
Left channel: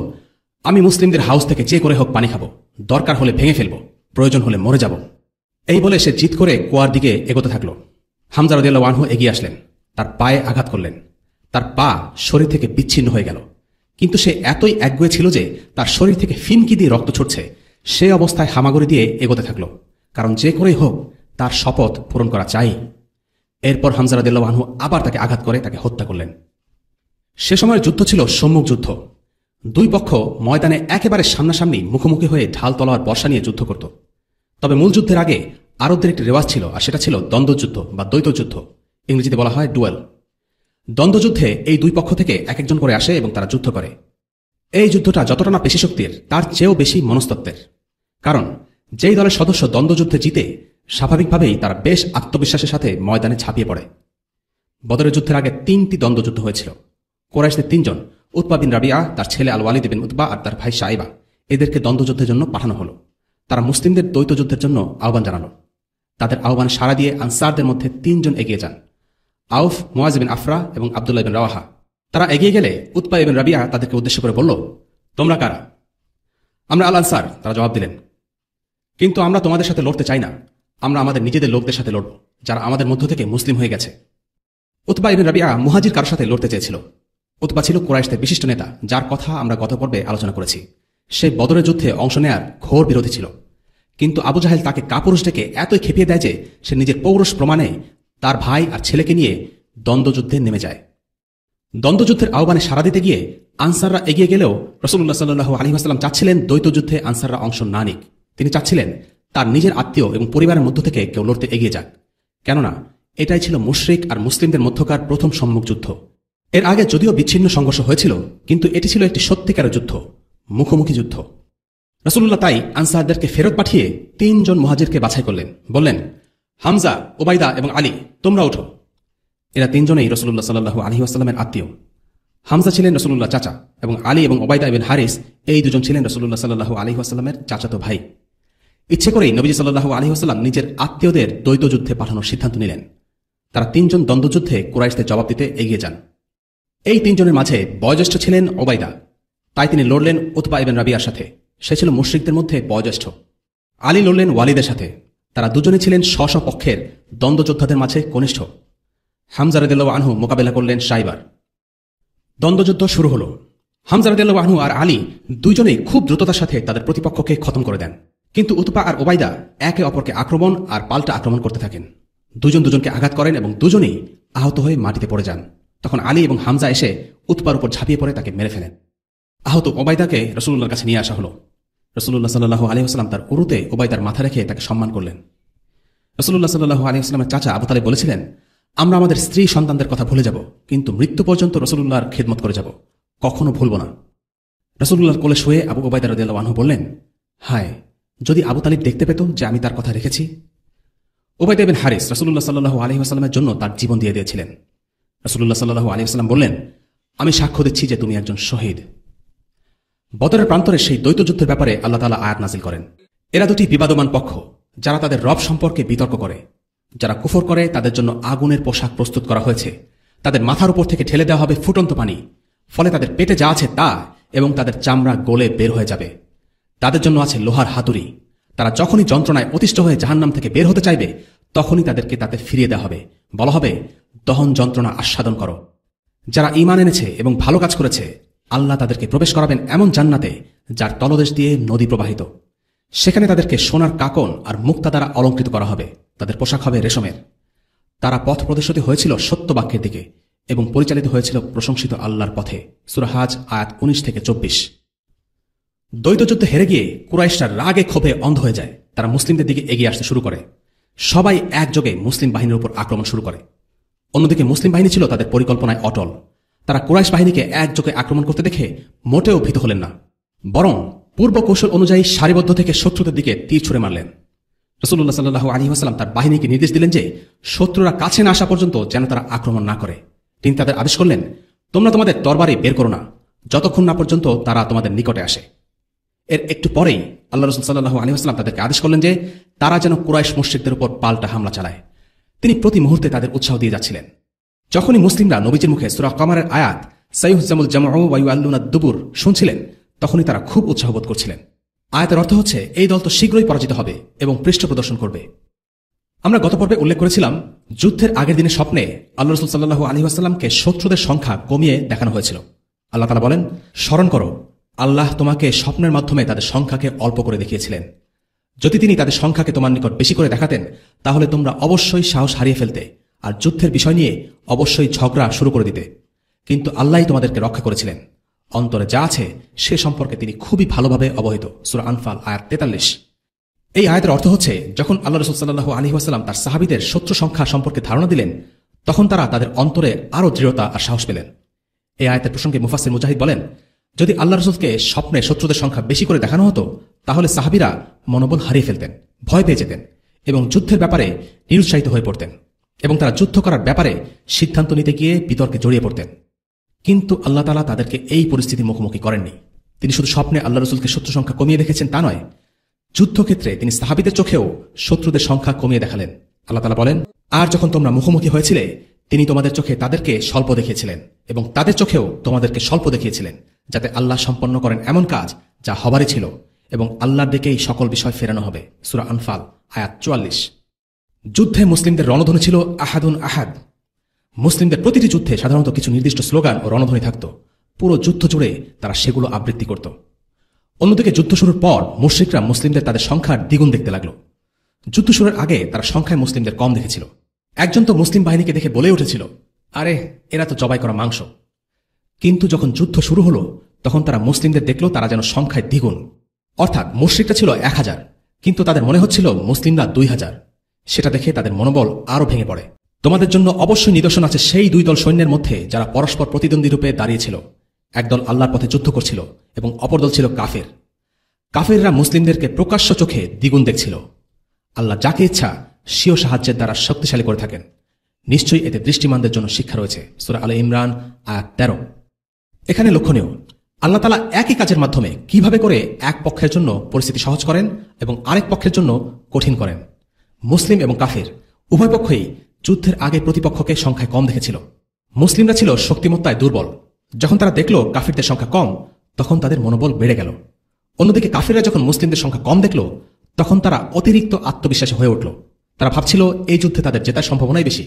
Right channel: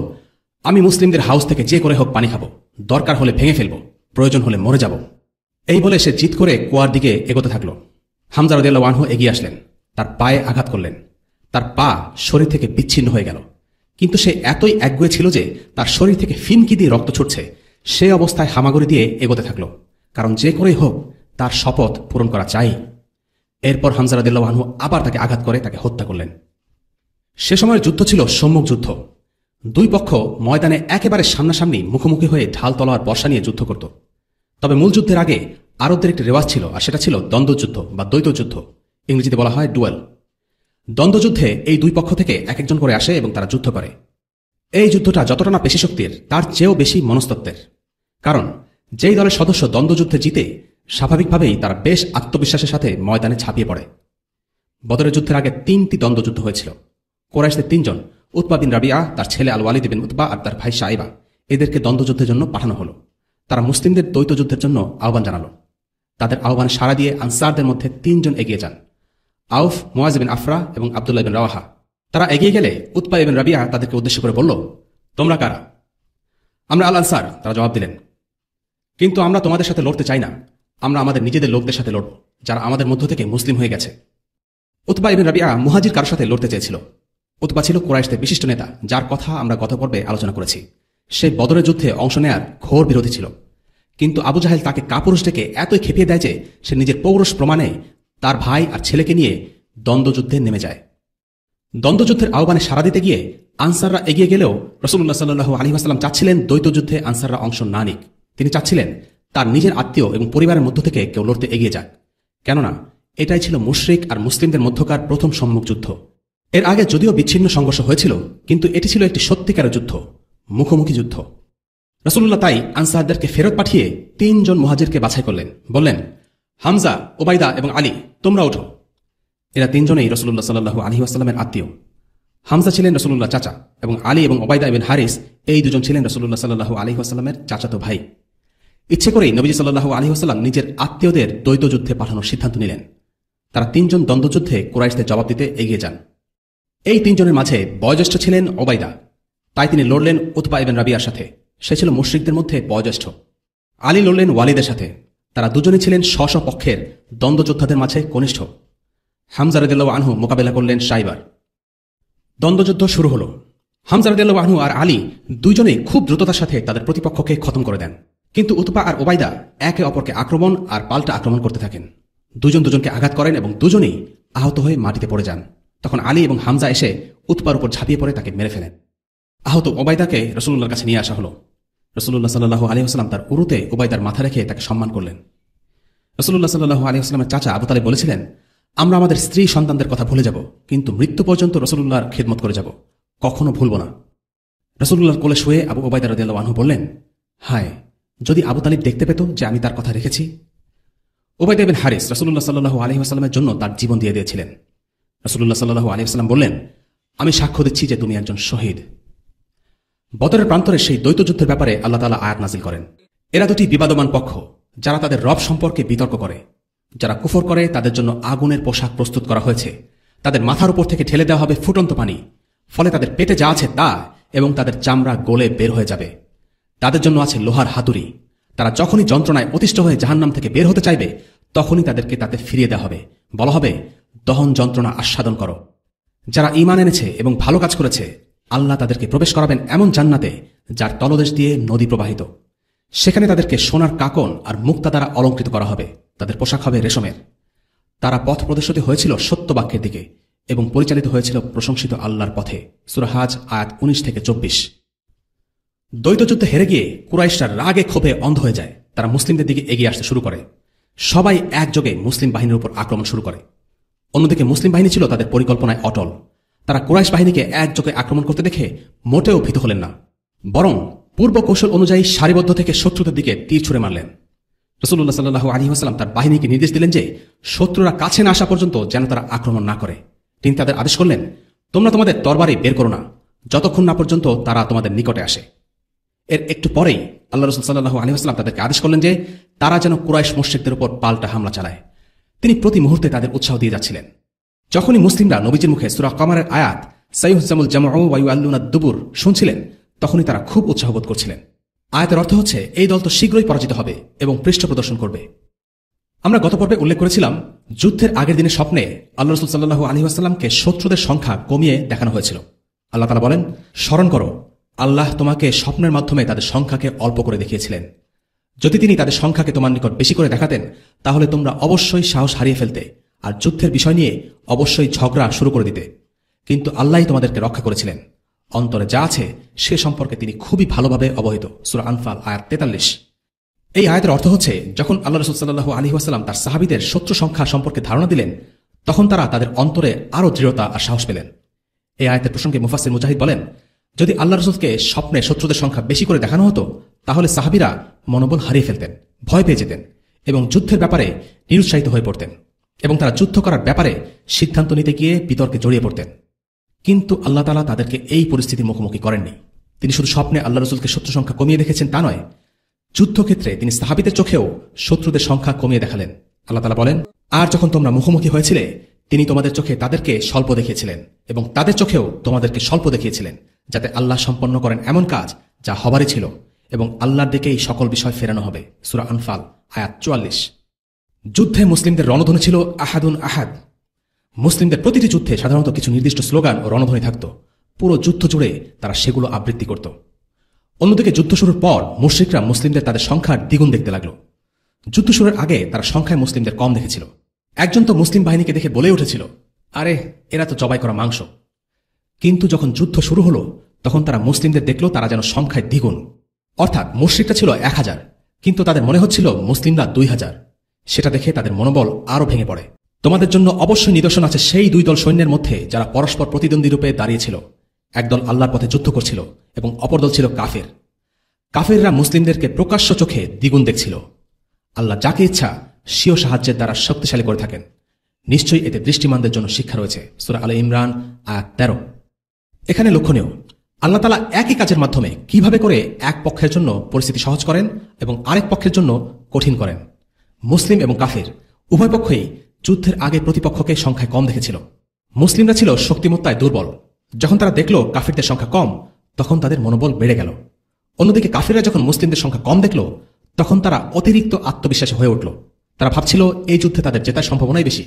আমি মুসলিমদের হাউস থেকে যে করে হোক পানি খাবো, দরকার হলে ভেঙে ফেলবো, প্রয়োজন হলে মরে যাব। এই বলে সে জিদ করে কুয়ার দিকে এগোতে থাকলো। হামজা রাদিয়াল্লাহু আনহু এগিয়ে আসলেন। তার পায়ে আঘাত করলেন। তার পা শরীর থেকে বিচ্ছিন্ন হয়ে গেল, কিন্তু সে এতই একগুঁয়ে ছিল যে তার শরীর থেকে ফিনকি দিয়ে রক্ত ছুটছে। সে অবস্থায় হামাগুড়ি দিয়ে এগোতে থাকলো, কারণ যে করেই হোক তার শপথ পূরণ করা চাই। এরপর হামজা রাদিয়াল্লাহু আনহু আবার তাকে আঘাত করে তাকে হত্যা করলেন। সে সময় যুদ্ধ ছিল সম্মুখ যুদ্ধ। দুই পক্ষ ময়দানে একেবারে সামনাসামনি মুখোমুখি হয়ে ঢাল তলোয়ার বর্ষা নিয়ে যুদ্ধ করত। তবে মূল যুদ্ধের আগে আরবদের একটি রেওয়াজ ছিল, আর সেটা ছিল দ্বন্দ্বযুদ্ধ বা দ্বৈত যুদ্ধ, ইংরেজিতে বলা হয় ডুয়েল। দ্বন্দ্বযুদ্ধে এই দুই পক্ষ থেকে এক একজন করে আসে এবং তারা যুদ্ধ করে। এই যুদ্ধটা যতটা না পেশি শক্তির, তার চেয়েও বেশি মনস্তত্ত্বের। কারণ যেই দলের সদস্য দ্বন্দ্বযুদ্ধে জিতে, স্বাভাবিকভাবেই তারা বেশ আত্মবিশ্বাসের সাথে ময়দানে ঝাঁপিয়ে পড়ে। বদরের যুদ্ধের আগে 3টি দ্বন্দ্বযুদ্ধ হয়েছিল। কুরাইশদের 3 জন, উতবা বিন রাবিআ, তার ছেলে আল ওয়ালিদ বিন উতবা আর তার ভাই শাইবা, এদেরকে দ্বন্দ্বযুদ্ধের জন্য পাঠানো হলো। তারা মুসলিমদের দ্বৈত যুদ্ধের জন্য আহ্বান জানালো। তাদের আহ্বান সাড়া দিয়ে আনসারদের মধ্যে 3 জন এগিয়ে যান, আউফ, মুয়াজ বিন আফরা এবং আব্দুল্লাহ বিন রাওয়াহা। তারা এগিয়ে গেলে উতবা ইবনে রাবিআ তাদেরকে উদ্দেশ্য করে বলল, তোমরা কারা? আমরা আল আনসার, তারা জবাব দিলেন। কিন্তু আমরা তোমাদের সাথে লড়তে চাই না, আমরা আমাদের নিজেদের লোকদের সাথে লড়ব, যারা আমাদের মধ্য থেকে মুসলিম হয়ে গেছে। উতবা ইবনে রাবিআ মুহাজির কারোর সাথে লড়তে চেয়েছিল। উতবা ছিল কুরাইশদের বিশিষ্ট নেতা, যার কথা আমরা গত পর্বে আলোচনা করেছি। সে বদরের যুদ্ধে অংশ নেয়ার ঘোর বিরোধী ছিল, কিন্তু আবু জাহেল তাকে কাপুরুষ ডেকে এতই খেপিয়ে দেয় যে সে নিজের পৌরুষ প্রমাণে তার ভাই আর ছেলেকে নিয়ে দ্বন্দ্বযুদ্ধে নেমে যায়। দ্বন্দ্বযুদ্ধের আহ্বানে সাড়া দিতে গিয়ে আনসাররা এগিয়ে গেলেও রাসূলুল্লাহ সাল্লাল্লাহু আলাইহি ওয়াসাল্লাম চাচ্ছিলেন দ্বৈত যুদ্ধে আনসাররা অংশ না নিক। তিনি চাচ্ছিলেন তার নিজের আত্মীয় এবং পরিবারের মধ্য থেকে কেউ লড়তে এগিয়ে যাক, কেননা এটাই ছিল মুশরিক আর মুসলিমদের মধ্যকার প্রথম সম্মুখ যুদ্ধ। এর আগে যদিও বিচ্ছিন্ন সংঘর্ষ হয়েছিল, কিন্তু এটি ছিল একটি সত্যিকারের যুদ্ধ, মুখোমুখি যুদ্ধ। রাসূলুল্লাহ তাই আনসারদেরকে ফেরত পাঠিয়ে 3 জন মুহাজিরকে বাছাই করলেন। বললেন, হামজা, ওবাইদা এবং আলী, তোমরা ওঠো। এরা 3 জনেই রাসূলুল্লাহ সাল্লাল্লাহু আলাইহি ওয়াসাল্লামের আত্মীয়। হামজা ছিলেন রাসূলুল্লাহ চাচা এবং আলী এবং ওবাইদা ইবনে হারিস, এই দুজন ছিলেন রাসূলুল্লাহ সাল্লাল্লাহু আলাইহি ওয়াসাল্লামের চাচাতো ভাই। ইচ্ছে করেই নবী সাল্লাল্লাহু আলাইহি ওয়াসাল্লাম নিজের আত্মীয়দের দ্বৈত যুদ্ধে পাঠানোর সিদ্ধান্ত নিলেন। তারা 3 জন দ্বন্দ্বযুদ্ধে কুরাইশদের জবাব দিতে এগিয়ে যান। এই 3 জনের মাঝে বয়োজ্যেষ্ঠ ছিলেন ওবাইদা, তাই তিনি লড়লেন উতবা ইবনে রাবিআর সাথে, সে ছিল মুশরিকদের মধ্যে বয়োজ্যেষ্ঠ। আলী লড়লেন ওয়ালিদের সাথে, তারা দুজনই ছিলেন স্ব পক্ষের দ্বন্দ্বযোদ্ধাদের মাঝে কনিষ্ঠ। হামজা রাদিয়াল্লাহু আনহু মোকাবেলা করলেন শাইবার। দ্বন্দ্বযুদ্ধ শুরু হলো। হামজা রাদিয়াল্লাহু আনহু আর আলী দুইজনেই খুব দ্রুততার সাথে তাদের প্রতিপক্ষকে খতম করে দেন, কিন্তু উতবা আর ওবাইদা একে অপরকে আক্রমণ আর পাল্টা আক্রমণ করতে থাকেন। দুজন দুজনকে আঘাত করেন এবং দুজনেই আহত হয়ে মাটিতে পড়ে যান। তখন আলী এবং হামজা এসে উতবার উপর ঝাঁপিয়ে পড়ে তাকে মেরে ফেলেন। আহত ওবাইদাকে রাসূলুল্লাহর কাছে নিয়ে আসা হলো। রাসূলুল্লাহ সাল্লাল্লাহু আলাইহি ওয়াসাল্লাম তার উরুতে ওবাইদার মাথা রেখে তাকে সম্মান করলেন। রাসূলুল্লাহ সাল্লাল্লাহু আলাইহি ওয়াসাল্লামের চাচা আবু তালিব বলেছিলেন, আমরা আমাদের স্ত্রী সন্তানদের কথা ভুলে যাব, কিন্তু মৃত্যু পর্যন্ত রাসূলুল্লাহর খেদমত করে যাব, কখনো ভুলব না। রাসূলুল্লাহর কোলে শুয়ে আবু ওবাইদা রাদিয়াল্লাহু আনহু বললেন, হায়, যদি আবু তালিব দেখতে পেত যে আমি তার কথা রেখেছি। ওবাইদা বিন হারিস রাসূলুল্লাহ সাল্লাল্লাহু আলাইহি ওয়াসাল্লামের জন্য তার জীবন দিয়ে দিয়েছিলেন। রাসূলুল্লাহ সাল্লাল্লাহু আলাইহি ওয়াসাল্লাম বললেন, আমি সাক্ষ্য দিচ্ছি যে তুমি একজন শহীদ। বদরের প্রান্তরে সেই দ্বৈত যুদ্ধের ব্যাপারে আল্লাহ তাআলা আয়াত নাযিল করেন। এরা দুটি বিবাদমান পক্ষ, যারা তাদের রব সম্পর্কে বিতর্ক করে। যারা কুফর করে তাদের জন্য আগুনের পোশাক প্রস্তুত করা হয়েছে, তাদের মাথার উপর থেকে ঠেলে দেওয়া হবে ফুটন্ত পানি, ফলে তাদের পেটে যা আছে তা এবং তাদের চামড়া গলে বের হয়ে যাবে। তাদের জন্য আছে লোহার হাতুড়ি, তারা যখনই যন্ত্রণায় অতিষ্ঠ হয়ে জাহান্নাম থেকে বের হতে চাইবে তখনই তাদেরকে তাতে ফিরিয়ে দেওয়া হবে, বলা হবে, দহন যন্ত্রণা আস্বাদন করো। যারা ঈমান এনেছে এবং ভালো কাজ করেছে, আল্লাহ তাদেরকে প্রবেশ করাবেন এমন জান্নাতে যার তলদেশ দিয়ে নদী প্রবাহিত। সেখানে তাদেরকে সোনার কাকন আর মুক্তা দ্বারা অলঙ্কৃত করা হবে, তাদের পোশাক হবে রেশমের। তারা পথ প্রদর্শিত হয়েছিল সত্য বাক্যের দিকে এবং পরিচালিত হয়েছিল প্রশংসিত আল্লাহর পথে। সূরা হাজ আয়াত 19 থেকে 24। দ্বৈত যুদ্ধে হেরে গিয়ে কুরাইশরা রাগে ক্ষোভে অন্ধ হয়ে যায়। তারা মুসলিমদের দিকে এগিয়ে আসতে শুরু করে। সবাই একযোগে মুসলিম বাহিনীর উপর আক্রমণ শুরু করে। অন্যদিকে মুসলিম বাহিনী ছিল তাদের পরিকল্পনায় অটল। তারা কুরাইশ বাহিনীকে একযোগে আক্রমণ করতে দেখে মোটেও ভীত হলেন না, বরং পূর্ব কৌশল অনুযায়ী সারিবদ্ধ থেকে শত্রুদের দিকে তীর ছুড়ে মারলেন। রাসূলুল্লাহ সাল্লাল্লাহু আলাইহি ওয়াসাল্লাম তার বাহিনীকে নির্দেশ দিলেন যে শত্রুরা কাছে না আসা পর্যন্ত যেন তারা আক্রমণ না করে। তিনি তাদের আদেশ করলেন, তোমরা তোমাদের তরবারি বের করো না যতক্ষণ না পর্যন্ত তারা তোমাদের নিকটে আসে। এর একটু পরেই আল্লাহ রাসূল সাল্লাল্লাহু আলাইহি ওয়াসাল্লাম তাদেরকে আদেশ করলেন যে তারা যেন কুরাইশ মুশরিকদের উপর পাল্টা হামলা চালায়। তিনি প্রতি মুহূর্তে তাদের উৎসাহ দিয়ে যাচ্ছিলেন। যখনই মুসলিমরা নবীজির মুখে সূরা কামারের আয়াত সাইয়ুহজামুল জামউ ওয়া ইউআল্লুনা দুবুর শুনছিলেন, তখনই তারা খুব উৎসাহ বোধ করছিলেন। আয়াতের অর্থ হচ্ছে এই দল তো শীঘ্রই পরাজিত হবে এবং পৃষ্ঠ প্রদর্শন করবে। আমরা গত পর্বে উল্লেখ করেছিলাম যুদ্ধের আগের দিনের স্বপ্নে আল্লাহ রাসূল সাল্লাল্লাহু আলাইহি ওয়াসাল্লামকে শত্রুদের সংখ্যা কমিয়ে দেখানো হয়েছিল। আল্লাহ তাআলা বলেন, স্মরণ করো, আল্লাহ তোমাকে স্বপ্নের মাধ্যমে তাদের সংখ্যাকে অল্প করে দেখিয়েছিলেন। যদি তিনি তাদের সংখ্যাকে তোমার নিকট বেশি করে দেখাতেন তাহলে তোমরা অবশ্যই সাহস হারিয়ে ফেলতে আর যুদ্ধের বিষয় নিয়ে অবশ্যই ঝগড়া শুরু করে দিতে। কিন্তু আল্লাহই তোমাদেরকে রক্ষা করেছিলেন। অন্তরে যা আছে সে সম্পর্কে তিনি খুবই ভালোভাবে অবহিত। সূরা আনফাল আয়াত 43। এই আয়াতের অর্থ হচ্ছে, যখন আল্লাহ রাসূল সাল্লাল্লাহু আলাইহি ওয়াসাল্লাম তার সাহাবীদের শত্রু সংখ্যা সম্পর্কে ধারণা দিলেন তখন তারা তাদের অন্তরে আরো দৃঢ়তা আর সাহস পেলেন। এই আয়াতের প্রসঙ্গে মুফাসসির মুজাহিদ বলেন, যদি আল্লাহ রাসূলকে স্বপ্নে শত্রুদের সংখ্যা বেশি করে দেখানো হতো তাহলে সাহাবীরা মনোবল হারিয়ে ফেলতেন, ভয় পেয়ে যেতেন এবং যুদ্ধের ব্যাপারে নিরুৎসাহিত হয়ে পড়তেন এবং তারা যুদ্ধ করার ব্যাপারে সিদ্ধান্ত নিতে গিয়ে বিতর্কে জড়িয়ে পড়তেন। কিন্তু আল্লাহ তাআলা তাদেরকে এই পরিস্থিতির মুখোমুখি করেননি। তিনি শুধু স্বপ্নে আল্লাহ রাসূলকে শত্রু সংখ্যা কমিয়ে দেখেছেন তা নয়, যুদ্ধক্ষেত্রে তিনি সাহাবীদের চোখেও শত্রুদের সংখ্যা কমিয়ে দেখালেন। আল্লাহ তাআলা বলেন, আর যখন তোমরা মুখোমুখি হয়েছিলে তিনি তোমাদের চোখে তাদেরকে স্বল্প দেখিয়েছিলেন এবং তাদের চোখেও তোমাদেরকে স্বল্প দেখিয়েছিলেন, যাতে আল্লাহ সম্পন্ন করেন এমন কাজ যা হবারই ছিল এবং আল্লাহর দিকেই সকল বিষয় ফেরানো হবে। সূরা আনফাল আয়াত 44। যুদ্ধে মুসলিমদের রণধ্বনি ছিল আহাদুন আহাদ। মুসলিমদের প্রতিটি যুদ্ধে সাধারণত কিছু নির্দিষ্ট স্লোগান ও রণধ্বনি থাকত। পুরো যুদ্ধ জুড়ে তারা সেগুলো আবৃত্তি করত। অন্যদিকে যুদ্ধ শুরুর পর মুশরিকরা মুসলিমদের তাদের সংখ্যার দ্বিগুণ দেখতে লাগলো। যুদ্ধ শুরুর আগে তারা সংখ্যায় মুসলিমদের কম দেখেছিল। একজন তো মুসলিম বাহিনীকে দেখে বলে উঠেছিল, আরে এরা তো জবাই করা মাংস। কিন্তু যখন যুদ্ধ শুরু হলো তখন তারা মুসলিমদের দেখলো তারা যেন সংখ্যায় দ্বিগুণ। অর্থাৎ মুশরিকরা ছিল 1000 কিন্তু তাদের মনে হচ্ছিল মুসলিমরা 2000। সেটা দেখে তাদের মনোবল আরো ভেঙে পড়ে। তোমাদের জন্য অবশ্যই নিদর্শন আছে সেই দুই দল সৈন্যের মধ্যে যারা পরস্পর প্রতিদ্বন্দ্বী রূপে দাঁড়িয়েছিল। একদল আল্লাহর পথে যুদ্ধ করছিল এবং অপর দল ছিল কাফের। কাফেররা মুসলিমদেরকে প্রকাশ্য চোখে দ্বিগুণ দেখছিল। আল্লাহ যাকে ইচ্ছা স্বীয় সাহায্যের দ্বারা শক্তিশালী করে থাকেন। নিশ্চয়ই এতে দৃষ্টিমানদের জন্য শিক্ষা রয়েছে। সূরা আলে ইমরান আয়াত 13। এখানে লক্ষণীয়, আল্লাহ তাআলা একই কাজের মাধ্যমে কিভাবে করে এক পক্ষের জন্য পরিস্থিতি সহজ করেন এবং আরেক পক্ষের জন্য কঠিন করেন। মুসলিম এবং কাফের উভয় পক্ষই যুদ্ধের আগে প্রতিপক্ষকে সংখ্যায় কম দেখেছিল। মুসলিমরা ছিল শক্তিমত্তায় দুর্বল। যখন তারা দেখল কাফিরদের সংখ্যা কম তখন তাদের মনোবল বেড়ে গেল। অন্যদিকে কাফিররা যখন মুসলিমদের সংখ্যা কম দেখল তখন তারা অতিরিক্ত আত্মবিশ্বাসী হয়ে উঠল। তারা ভাবছিল এই যুদ্ধে তাদের জেতার সম্ভাবনাই বেশি।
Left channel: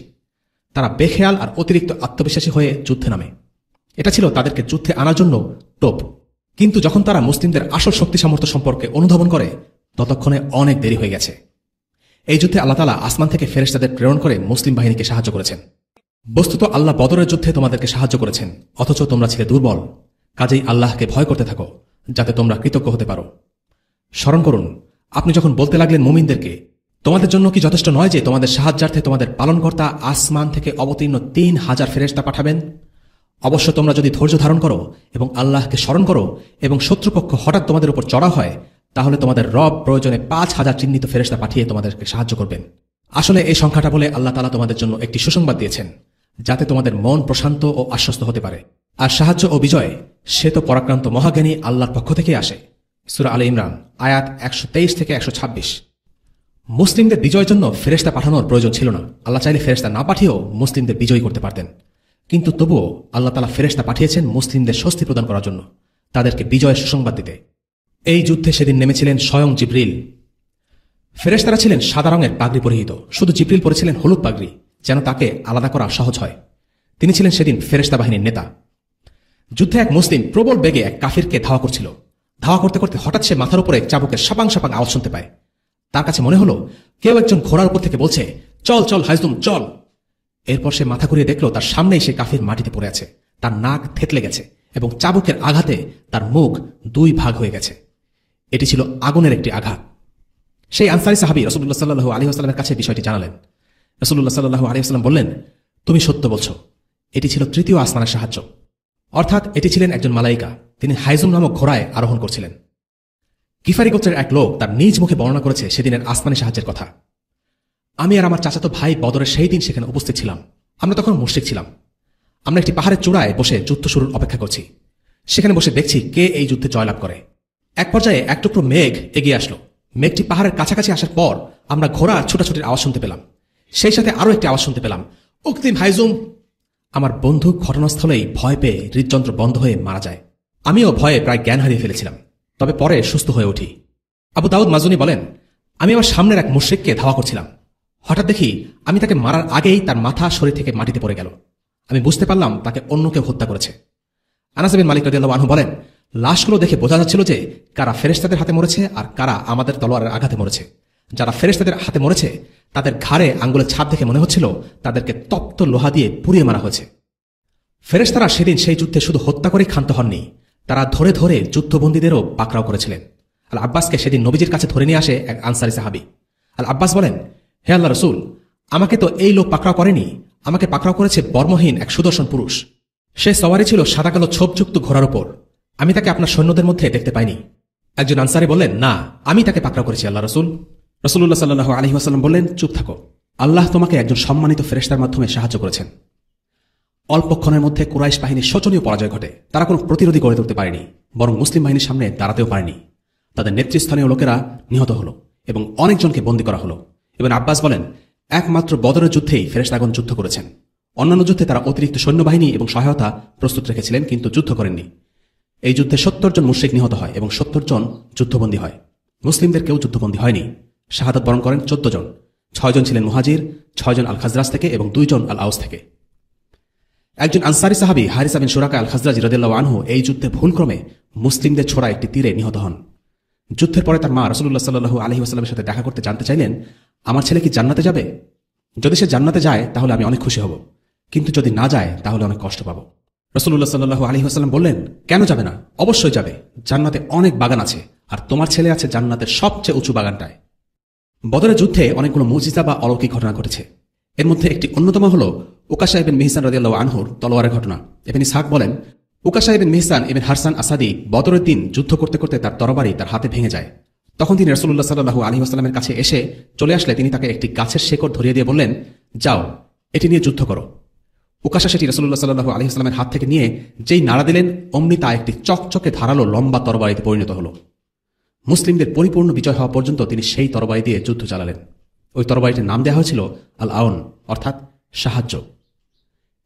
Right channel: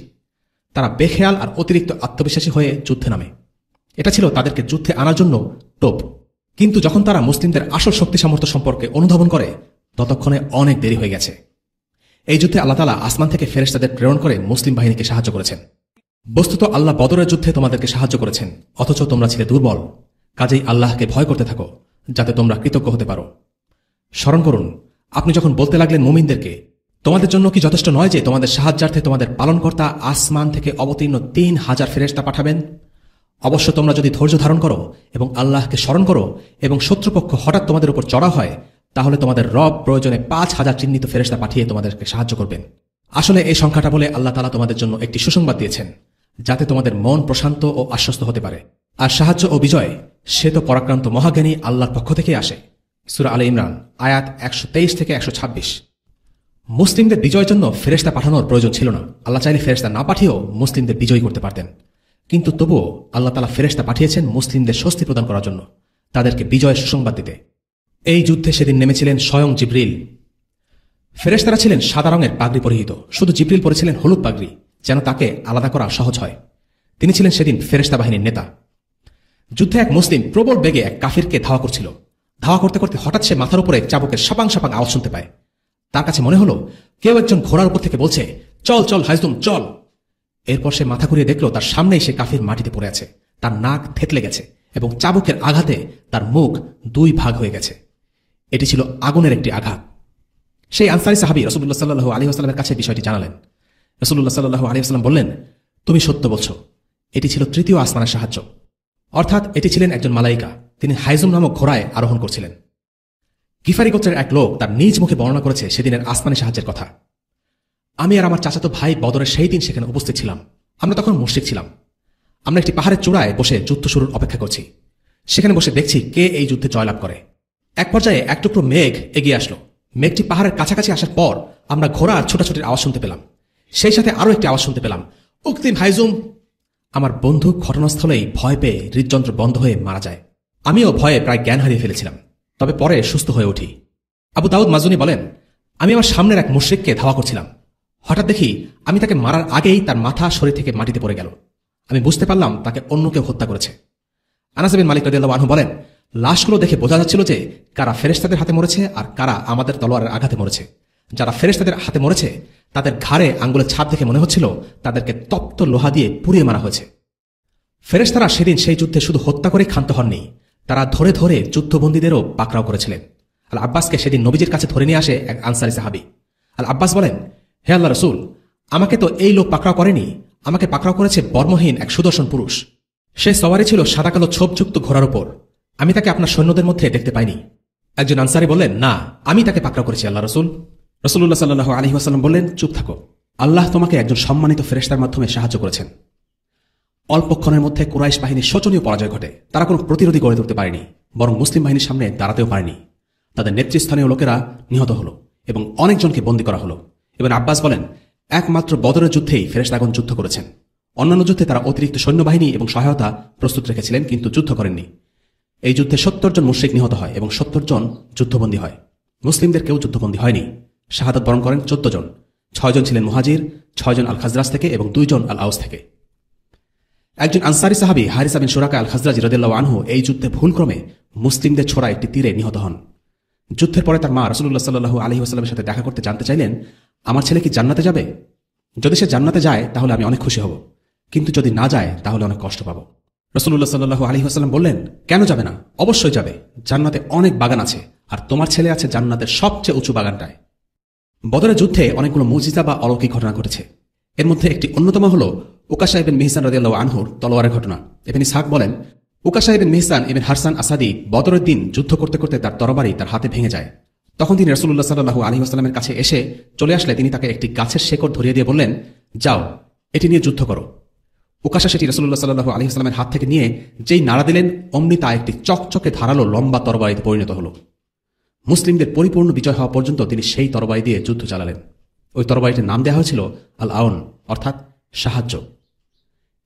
তারা বেখেয়াল আর অতিরিক্ত আত্মবিশ্বাসী হয়ে যুদ্ধে নামে। এটা ছিল তাদেরকে যুদ্ধে আনার জন্য টোপ। কিন্তু যখন তারা মুসলিমদের আসল শক্তি সামর্থ্য সম্পর্কে অনুধাবন করে ততক্ষণে অনেক দেরি হয়ে গেছে। এই যুদ্ধে আল্লাহ তাআলা আসমান থেকে ফেরেশতাদের প্রেরণ করে মুসলিম বাহিনীকে সাহায্য করেছেন। বস্তুত আল্লাহ বদরের যুদ্ধে তোমাদেরকে সাহায্য করেছেন, অথচ তোমরা ছিলে দুর্বল। কাজেই আল্লাহকে ভয় করতে থাকো যাতে তোমরা কৃতজ্ঞ হতে পারো। স্মরণ করুন, আপনি যখন বলতে লাগলেন মুমিনদেরকে, তোমাদের জন্য কি যথেষ্ট নয় যে তোমাদের সাহায্যার্থে তোমাদের পালনকর্তা আসমান থেকে অবতীর্ণ 3000 ফেরেশতা পাঠাবেন? অবশ্য তোমরা যদি ধৈর্য ধারণ করো এবং আল্লাহকে স্মরণ করো এবং শত্রুপক্ষ হঠাৎ তোমাদের উপর চড়া হয় তাহলে তোমাদের রব প্রয়োজনে 5000 চিহ্নিত ফেরেশতা পাঠিয়ে তোমাদেরকে সাহায্য করবেন। আসলে এই সংখ্যাটা বলে আল্লাহ তাআলা তোমাদের জন্য একটি সুসংবাদ দিয়েছেন যাতে তোমাদের মন প্রশান্ত ও আশ্বস্ত হতে পারে। আর সাহায্য ও বিজয় সে তো পরাক্রান্ত মহাজ্ঞানী আল্লাহর পক্ষ থেকে আসে। সূরা আলে ইমরান আয়াত 123 থেকে 126। মুসলিমদের বিজয়ের জন্য ফেরেশতা পাঠানোর প্রয়োজন ছিল না। আল্লাহ চাইলে ফেরেশতা না পাঠিয়েও মুসলিমদের বিজয়ী করতে পারতেন। কিন্তু তবুও আল্লাহ তাআলা ফেরেশতা পাঠিয়েছেন মুসলিমদের স্বস্তি প্রদান করার জন্য, তাদেরকে বিজয়ের সুসংবাদ দিতে। এই যুদ্ধে সেদিন নেমেছিলেন স্বয়ং জিবরিল। ফেরেশতারা ছিলেন সাদা রঙের পাগড়ি পরিহিত, শুধু জিবরিল পরেছিলেন হলুদ পাগড়ি, যেন তাকে আলাদা করা সহজ হয়। তিনি ছিলেন সেদিন ফেরেশতা বাহিনীর নেতা। যুদ্ধে এক মুসলিম প্রবল বেগে এক কাফিরকে ধাওয়া করছিল। ধাওয়া করতে করতে হঠাৎ সে মাথার উপরে চাবুকের সাপাং সাপাং আওয়াজ শুনতে পায়। তার কাছে মনে হলো কেউ একজন ঘোড়ার উপর থেকে বলছে, চল চল হাইজুম চল। এরপর সে মাথা করে দেখলো তার সামনেই সে কাফির মাটিতে পড়ে আছে। তার নাক থেতলে গেছে এবং চাবুকের আঘাতে তার মুখ 2 ভাগ হয়ে গেছে। এটি ছিল আগুনের একটি আঘাত। সেই আনসারী সাহাবী রাসূলুল্লাহ সাল্লাল্লাহু আলাইহি ওয়াসাল্লামের কাছে বিষয়টি জানালেন। রাসূলুল্লাহ সাল্লাল্লাহু আলাইহি ওয়াসাল্লাম বললেন, তুমি সত্য বলছো। এটি ছিল তৃতীয় আসমানের সাহায্য, অর্থাৎ এটি ছিলেন একজন মালাইকা। তিনি হাইজুম নামক ঘোড়ায় আরোহণ করছিলেন। গিফারি গোত্রের এক লোক তার নিজ মুখে বর্ণনা করেছে সেদিনের আসমানি সাহায্যের কথা। আমি আর আমার চাচাতো ভাই বদরের সেই দিন সেখানে উপস্থিত ছিলাম। আমরা তখন মুশরিক ছিলাম। আমরা একটি পাহাড়ের চূড়ায় বসে যুদ্ধ শুরুর অপেক্ষা করছি। সেখানে বসে দেখছি কে এই যুদ্ধে জয়লাভ করে। এক পর্যায়ে এক টুকরো মেঘ এগিয়ে আসলো। মেঘটি পাহাড়ের কাছাকাছি আসার পর আমরা ঘোড়ার ছোটাছুটির আওয়াজ শুনতে পেলাম। সেই সাথে আরো একটি আওয়াজ শুনতে পেলাম, উক্তিম হাইজুম। আমার বন্ধু ঘটনাস্থলেই ভয় পেয়ে হৃদযন্ত্র বন্ধ হয়ে মারা যায়। আমিও ভয়ে প্রায় জ্ঞান হারিয়ে ফেলেছিলাম, তবে পরে সুস্থ হয়ে উঠি। আবু দাউদ মাজুনি বলেন, আমি আমার সামনের এক মুশরিককে ধাওয়া করছিলাম। হঠাৎ দেখি আমি তাকে মারার আগেই তার মাথা শরীর থেকে মাটিতে পড়ে গেল। আমি বুঝতে পারলাম তাকে অন্য কেউ হত্যা করেছে। আনাস বিন মালিক রাদিয়াল্লাহু আনহু বলেন, লাশগুলো দেখে বোঝা যাচ্ছিল যে কারা ফেরেশতাদের হাতে মরেছে আর কারা আমাদের তলোয়ারের আঘাতে মরেছে। যারা ফেরেশতাদের হাতে মরেছে তাদের ঘাড়ে আঙ্গুলের ছাপ দেখে মনে হচ্ছিল তাদেরকে তপ্ত লোহা দিয়ে পুড়িয়ে মারা হয়েছে। ফেরেশতারা সেদিন সেই যুদ্ধে শুধু হত্যা করে ক্ষান্ত হননি, তারা ধরে ধরে যুদ্ধবন্দীদেরও পাকড়াও করেছিলেন। আল আব্বাসকে সেদিন নবীজির কাছে ধরে নিয়ে আসে এক আনসারী সাহাবী। আল আব্বাস বলেন, হে আল্লাহ রাসূল, আমাকে তো এই লোক পাকড়াও করেনি, আমাকে পাকড়াও করেছে বর্মহীন এক সুদর্শন পুরুষ। সে সওয়ারি ছিল সাদা কালো ছোপযুক্ত ঘোড়ার উপর। আমি তাকে আপনার সৈন্যদের মধ্যে দেখতে পাইনি। একজন আনসারী বললেন, না, আমি তাকে পাকড়াও করেছি আল্লাহ রাসূল। রাসূলুল্লাহ সাল্লাল্লাহু আলাইহি ওয়াসাল্লাম বললেন, চুপ থাকো, আল্লাহ তোমাকে একজন সম্মানিত ফেরেশতার মাধ্যমে সাহায্য করেছেন। অল্পক্ষণের মধ্যে কুরাইশ বাহিনীর শোচনীয় পরাজয় ঘটে। তারা কোনো প্রতিরোধী গড়ে তুলতে পারেনি, বরং মুসলিম বাহিনীর সামনে দাঁড়াতেও পারেনি। তাদের নেতৃস্থানীয় লোকেরা নিহত হল এবং অনেকজনকে বন্দী করা হল। এবং আব্বাস বলেন, একমাত্র বদরের যুদ্ধেই ফেরেশতাগণ যুদ্ধ করেছেন। অন্যান্য যুদ্ধে তারা অতিরিক্ত সৈন্যবাহিনী এবং সহায়তা প্রস্তুত রেখেছিলেন, কিন্তু যুদ্ধ করেননি। এই যুদ্ধে 70 জন মুশরিক নিহত হয় এবং 70 জন যুদ্ধবন্দী হয়। মুসলিমদের কেউ যুদ্ধবন্দী হয়নি। শাহাদাত বরণ করেন 14 জন। 6 জন ছিলেন মুহাজির, 6 জন আল খাজরাজ থেকে এবং 2 জন আল আউস থেকে। একজন আনসারী সাহাবী হারিসা বিন সুরাকা আল খাজরাজি রাদিয়াল্লাহু আনহু এই যুদ্ধে ভুলক্রমে মুসলিমদের ছোড়া একটি তীরে নিহত হন। যুদ্ধের পরে তার মা রাসূলুল্লাহ সাল্লাল্লাহু আলাইহি ওয়াসাল্লামের সাথে দেখা করতে জানতে চাইলেন, আমার ছেলে কি জান্নাতে যাবে? যদি সে জান্নাতে যায় তাহলে আমি অনেক খুশি হব, কিন্তু যদি না যায় তাহলে অনেক কষ্ট পাবো। রাসূলুল্লাহ সাল্লাল্লাহু আলাইহি ওয়াসাল্লাম বললেন, কেন যাবে না? অবশ্যই যাবে। জান্নাতে অনেক বাগান আছে, আর তোমার ছেলে আছে জান্নাতের সবচেয়ে উঁচু বাগানটায়। বদরের যুদ্ধে অনেকগুলো মুজিজা বা অলৌকিক ঘটনা ঘটেছে। এর মধ্যে একটি অন্যতম হল উকাশা ইবনে মিহসান রাদিয়াল্লাহু আনহুর তলোয়ারের ঘটনা। ইবনে ইসহাক বলেন, উকাশা ইবনে মিহসান ইবনে হারসান আসাদি বদরের দিন যুদ্ধ করতে করতে তার তরবারি তার হাতে ভেঙে যায়। তখন তিনি রাসূলুল্লাহ সাল্লাল্লাহু আলাইহি ওয়াসাল্লামের কাছে এসে চলে আসলে তিনি তাকে একটি গাছের শেকড় ধরিয়ে দিয়ে বললেন, যাও, এটি নিয়ে যুদ্ধ করো। উকাশা সেটি রাসূলুল্লাহ সাল্লাল্লাহু আলাইহি ওয়াসাল্লামের হাত থেকে নিয়ে যেই নাড়া দিলেন, অমনি তা একটি চকচকে ধারালো লম্বা তরবারিতে পরিণত হল। মুসলিমদের পরিপূর্ণ বিজয় হওয়া পর্যন্ত তিনি সেই তরবারি দিয়ে যুদ্ধ চালালেন। ওই তরবারিটির নাম দেওয়া হয়েছিল আল আউন, অর্থাৎ সাহায্য।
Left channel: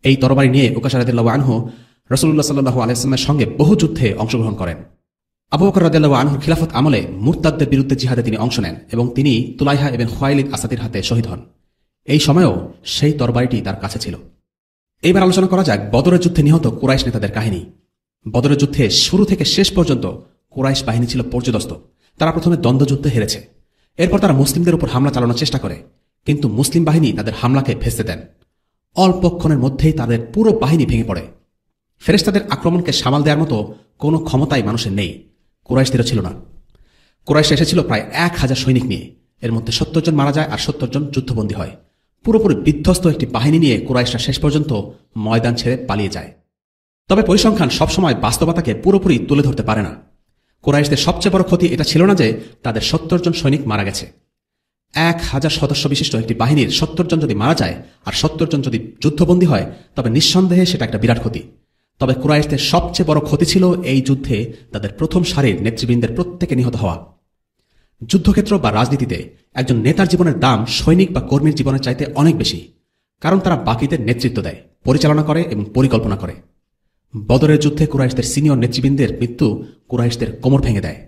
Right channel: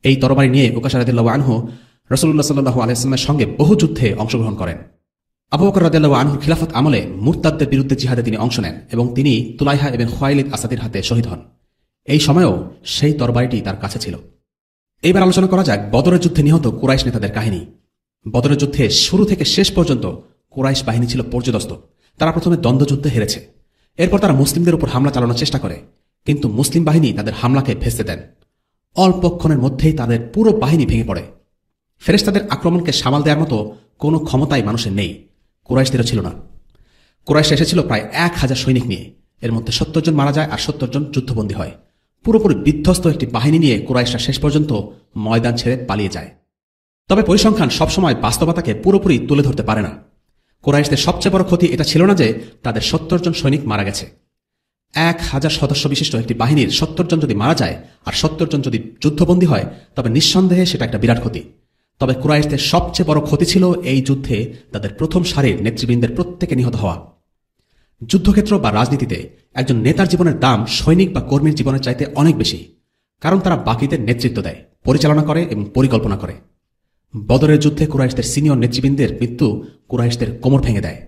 এই তরবারি নিয়ে উকাশা রাদিয়াল্লাহু আনহু রাসূলুল্লাহ সাল্লাল্লাহু আলাইহি ওয়াসাল্লামের সঙ্গে বহু যুদ্ধে অংশগ্রহণ করেন। আবু বকর রাদিয়াল্লাহু আনহু খিলাফত আমলে মুরতাদদের বিরুদ্ধে জিহাদে তিনি অংশ নেন এবং তিনি তুলাইহা ইবনে খুয়াইলিদ আসাদির হাতে শহীদ হন। এই সময়েও সেই তরবারিটি তার কাছে ছিল। এইবার আলোচনা করা যাক বদরের যুদ্ধে নিহত কুরাইশ নেতাদের কাহিনী। বদরের যুদ্ধে শুরু থেকে শেষ পর্যন্ত কুরাইশ বাহিনী ছিল পর্যদস্ত। তারা প্রথমে দ্বন্দ্বযুদ্ধে হেরেছে। এরপর তারা মুসলিমদের উপর হামলা চালানোর চেষ্টা করে, কিন্তু মুসলিম বাহিনী তাদের হামলাকে ভেস্তে দেন। অল্পক্ষণের মধ্যেই তাদের পুরো বাহিনী ভেঙে পড়ে। ফেরেশতাদের আক্রমণকে সামাল দেওয়ার মতো কোনো ক্ষমতাই মানুষের নেই, কুরাইশদের ছিল না। কুরাইশ এসেছিল প্রায় 1000 সৈনিক নিয়ে। এর মধ্যে 70 জন মারা যায় আর 70 জন যুদ্ধবন্দী হয়। পুরোপুরি বিধ্বস্ত একটি বাহিনী নিয়ে কুরাইশরা শেষ পর্যন্ত ময়দান ছেড়ে পালিয়ে যায়। তবে পরিসংখ্যান সবসময় বাস্তবতাকে পুরোপুরি তুলে ধরতে পারে না। কুরাইশদের সবচেয়ে বড় ক্ষতি এটা ছিল না যে তাদের 70 জন সৈনিক মারা গেছে। 1000 সদস্য বিশিষ্ট একটি বাহিনীর 70 জন যদি মারা যায় আর 70 জন যদি যুদ্ধবন্দী হয়, তবে নিঃসন্দেহে সেটা একটা বিরাট ক্ষতি। তবে কুরাইশদের সবচেয়ে বড় ক্ষতি ছিল এই যুদ্ধে তাদের প্রথম সারির নেতৃবৃন্দের প্রত্যেকে নিহত হওয়া। যুদ্ধক্ষেত্র বা রাজনীতিতে একজন নেতার জীবনের দাম সৈনিক বা কর্মীর জীবনের চাইতে অনেক বেশি, কারণ তারা বাকিদের নেতৃত্ব দেয়, পরিচালনা করে এবং পরিকল্পনা করে। বদরের যুদ্ধে কুরাইশদের সিনিয়র নেতৃবৃন্দের মৃত্যু কুরাইশদের কোমর ভেঙে দেয়।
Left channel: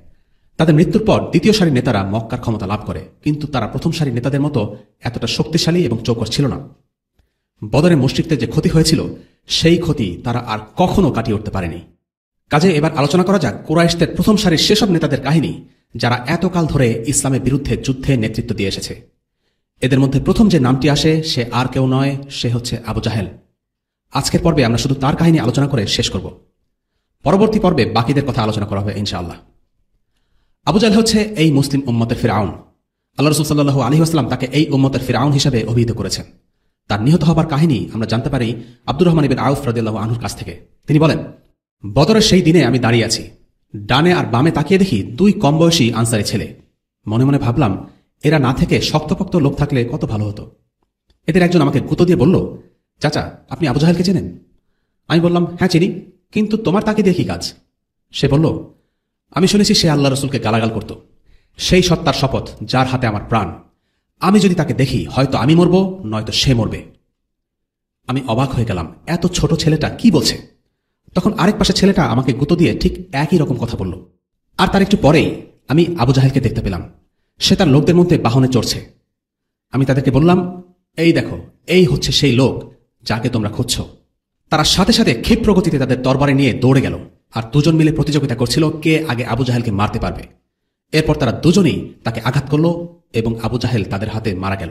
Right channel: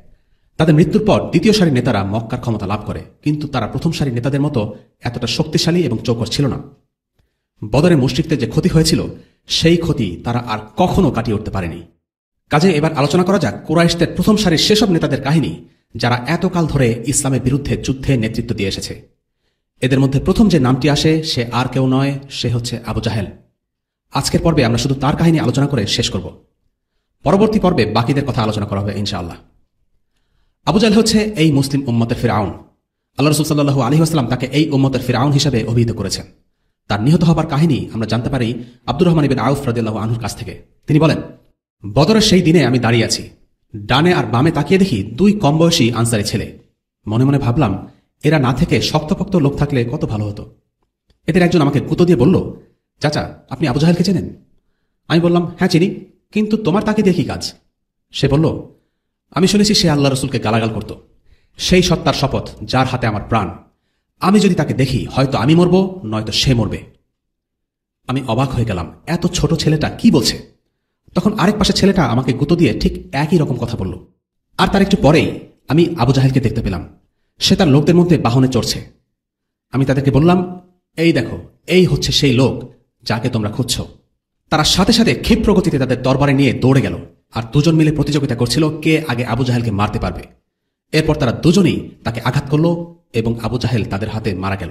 তাদের মৃত্যুর পর দ্বিতীয় সারির নেতারা মক্কার ক্ষমতা লাভ করে, কিন্তু তারা প্রথম সারির নেতাদের মতো এতটা শক্তিশালী এবং চৌকস ছিল না। বদরের মুশরিকদের যে ক্ষতি হয়েছিল সেই ক্ষতি তারা আর কখনো কাটিয়ে উঠতে পারেনি। কাজে এবার আলোচনা করা যাক কুরাইশদের প্রথম সারির সেসব নেতাদের কাহিনী যারা এতকাল ধরে ইসলামের বিরুদ্ধে যুদ্ধে নেতৃত্ব দিয়ে এসেছে। এদের মধ্যে প্রথম যে নামটি আসে সে আর কেউ নয়, সে হচ্ছে আবু জাহেল। আজকের পর্বে আমরা শুধু তার কাহিনী আলোচনা করে শেষ করব। পরবর্তী পর্বে বাকিদের কথা আলোচনা করা হবে ইনশাআল্লাহ। আবু জাহেল হচ্ছে এই মুসলিম উম্মতের ফিরআউন। আল্লাহ রাসূল সাল্লাল্লাহু আলাইহি ওয়াসাল্লাম তাকে এই উম্মতের ফিরআউন হিসেবে অভিহিত করেছেন। তার নিহত হবার কাহিনী আমরা জানতে পারি আব্দুর রহমান ইবনে আউফ রাদিয়াল্লাহু আনহুর কাছ থেকে। তিনি বলেন, বদরের সেই দিনে আমি দাঁড়িয়ে আছি, ডানে আর বামে তাকিয়ে দেখি 2 কম বয়সী আনসারী ছেলে। মনে মনে ভাবলাম, এরা না থেকে শক্তপোক্ত লোক থাকলে কত ভালো হতো। এদের একজন আমাকে গুঁতো দিয়ে বলল, চাচা, আপনি আবু জাহেলকে চেনেন? আমি বললাম, হ্যাঁ চিনি, কিন্তু তোমার তাকে দেখি কাজ। সে বলল, আমি শুনেছি সে আল্লাহ রসুলকে গালাগাল করত। সেই সত্তার শপথ যার হাতে আমার প্রাণ, আমি যদি তাকে দেখি হয়তো আমি মরবো, নয়তো সে মরবে। আমি অবাক হয়ে গেলাম, এত ছোট ছেলেটা কি বলছে। তখন আরেক পাশে ছেলেটা আমাকে গুঁতো দিয়ে ঠিক একই রকম কথা বলল। আর তার একটু পরেই আমি আবু জাহেলকে দেখতে পেলাম। সে তার লোকদের মধ্যে বাহনে চড়ছে। আমি তাদেরকে বললাম, এই দেখো, এই হচ্ছে সেই লোক যাকে তোমরা খুঁজছ। তারা সাথে সাথে ক্ষিপ্র গতিতে তাদের তরবারি নিয়ে দৌড়ে গেল, আর দুজন মিলে প্রতিযোগিতা করছিল কে আগে আবু জাহেলকে মারতে পারবে। এরপর তারা দুজনেই তাকে আঘাত করল এবং আবু জাহেল তাদের হাতে মারা গেল।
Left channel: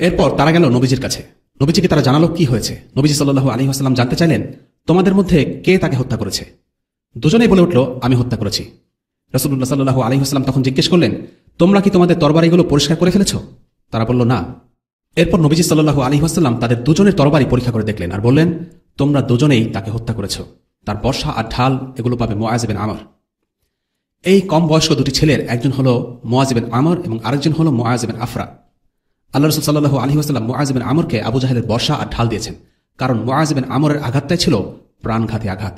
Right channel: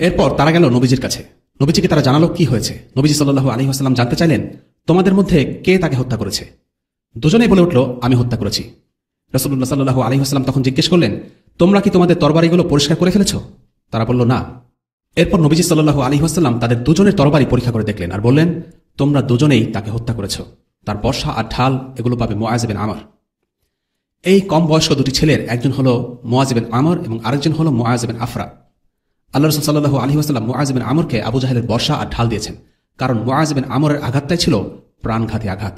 এরপর তারা গেল নবীজির কাছে। নবীজিকে তারা জানালো কি হয়েছে। নবীজি সাল্লাল্লাহু আলাইহি ওয়াসাল্লাম জানতে চাইলেন, তোমাদের মধ্যে কে তাকে হত্যা করেছে? দুজনেই বলে উঠল, আমি হত্যা করেছি। রাসূলুল্লাহ সাল্লাল্লাহু আলাইহি ওয়াসাল্লাম তখন জিজ্ঞেস করলেন, তোমরা কি তোমাদের তরবারিগুলো পরিষ্কার করে ফেলেছ? তারা বলল, না। এরপর নবীজি সাল্লাল্লাহু আলাইহি ওয়াসাল্লাম তাদের দুজনের তরবারি পরীক্ষা করে দেখলেন আর বললেন, তোমরা দুজনেই তাকে হত্যা করেছ। তার বর্ষা আর ঢাল এগুলো পাবে মুআয বিন আমর। এই কম বয়স্ক দুটি ছেলের একজন হলো মুআয বিন আমর এবং আরেকজন হলো মুআয বিন আফরা। আল্লাহ রাসূল সাল্লাল্লাহু আলাইহি ওয়াসাল্লাম মুআয বিন আমরকে আবু জাহেলের বর্ষা আর ঢাল দিয়েছেন, কারণ মুআয বিন আমরের আঘাতটাই ছিল প্রাণঘাতী আঘাত।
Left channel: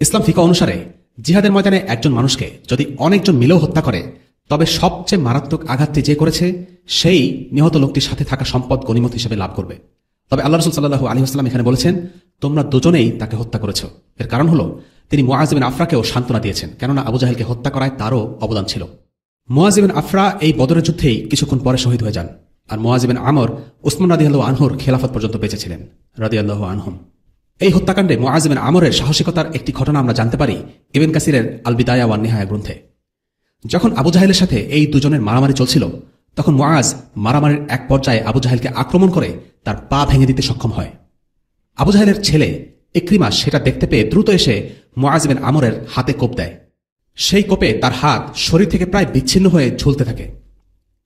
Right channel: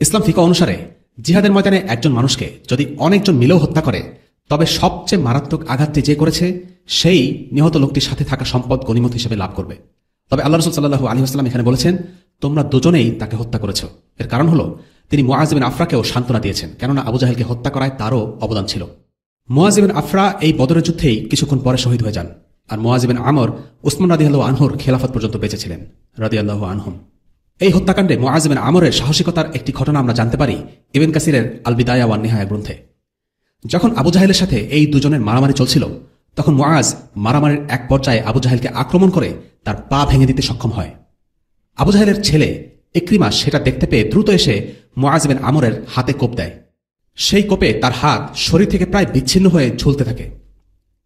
ইসলাম ফিকহ অনুসারে জিহাদের ময়দানে একজন মানুষকে যদি অনেকজন মিলেও হত্যা করে, তবে সবচেয়ে মারাত্মক আঘাতটি যে করেছে সেই নিহত লোকটির সাথে থাকা সম্পদ গনিমত হিসেবে লাভ করবে। তবে আল্লাহ রাসূল সাল্লাল্লাহু আলাইহি ওয়াসাল্লাম এখানে বলেছেন, তোমরা দুজনেই তাকে হত্যা করেছ। এর কারণ হলো তিনি মুআয বিন আফরাকেও সান্ত্বনা দিয়েছেন, কেননা আবু জাহেলকে হত্যা করায় তারও অবদান ছিল। মুআয বিন আফরা এই বদরের যুদ্ধেই কিছুক্ষণ পরে শহীদ হয়ে যান, আর মুআয বিন আমর উসমান রাদিয়াল্লাহু আনহুর খেলাফত পর্যন্ত বেঁচে ছিলেন রাদিয়াল্লাহু আনহু। এই হত্যাকাণ্ডে মুআয বিন আমরের সাহসিকতার একটি ঘটনা আমরা জানতে পারি ইবনে কাসিরের আল বিদায়া ওয়ান নিহায়া গ্রন্থে। যখন আবু জাহেলের সাথে এই দুজনের মারামারি চলছিল, তখন মুআয মারামারির এক পর্যায়ে আবু জাহেলকে আক্রমণ করে তার পা ভেঙে দিতে সক্ষম হয়। আবু জাহেলের ছেলে ইকরিমা সেটা দেখতে পেয়ে দ্রুত এসে মুআয বিন আমরের হাতে কোপ দেয়। সেই কোপে তার হাত শরীর থেকে প্রায় বিচ্ছিন্ন হয়ে ঝুলতে থাকে।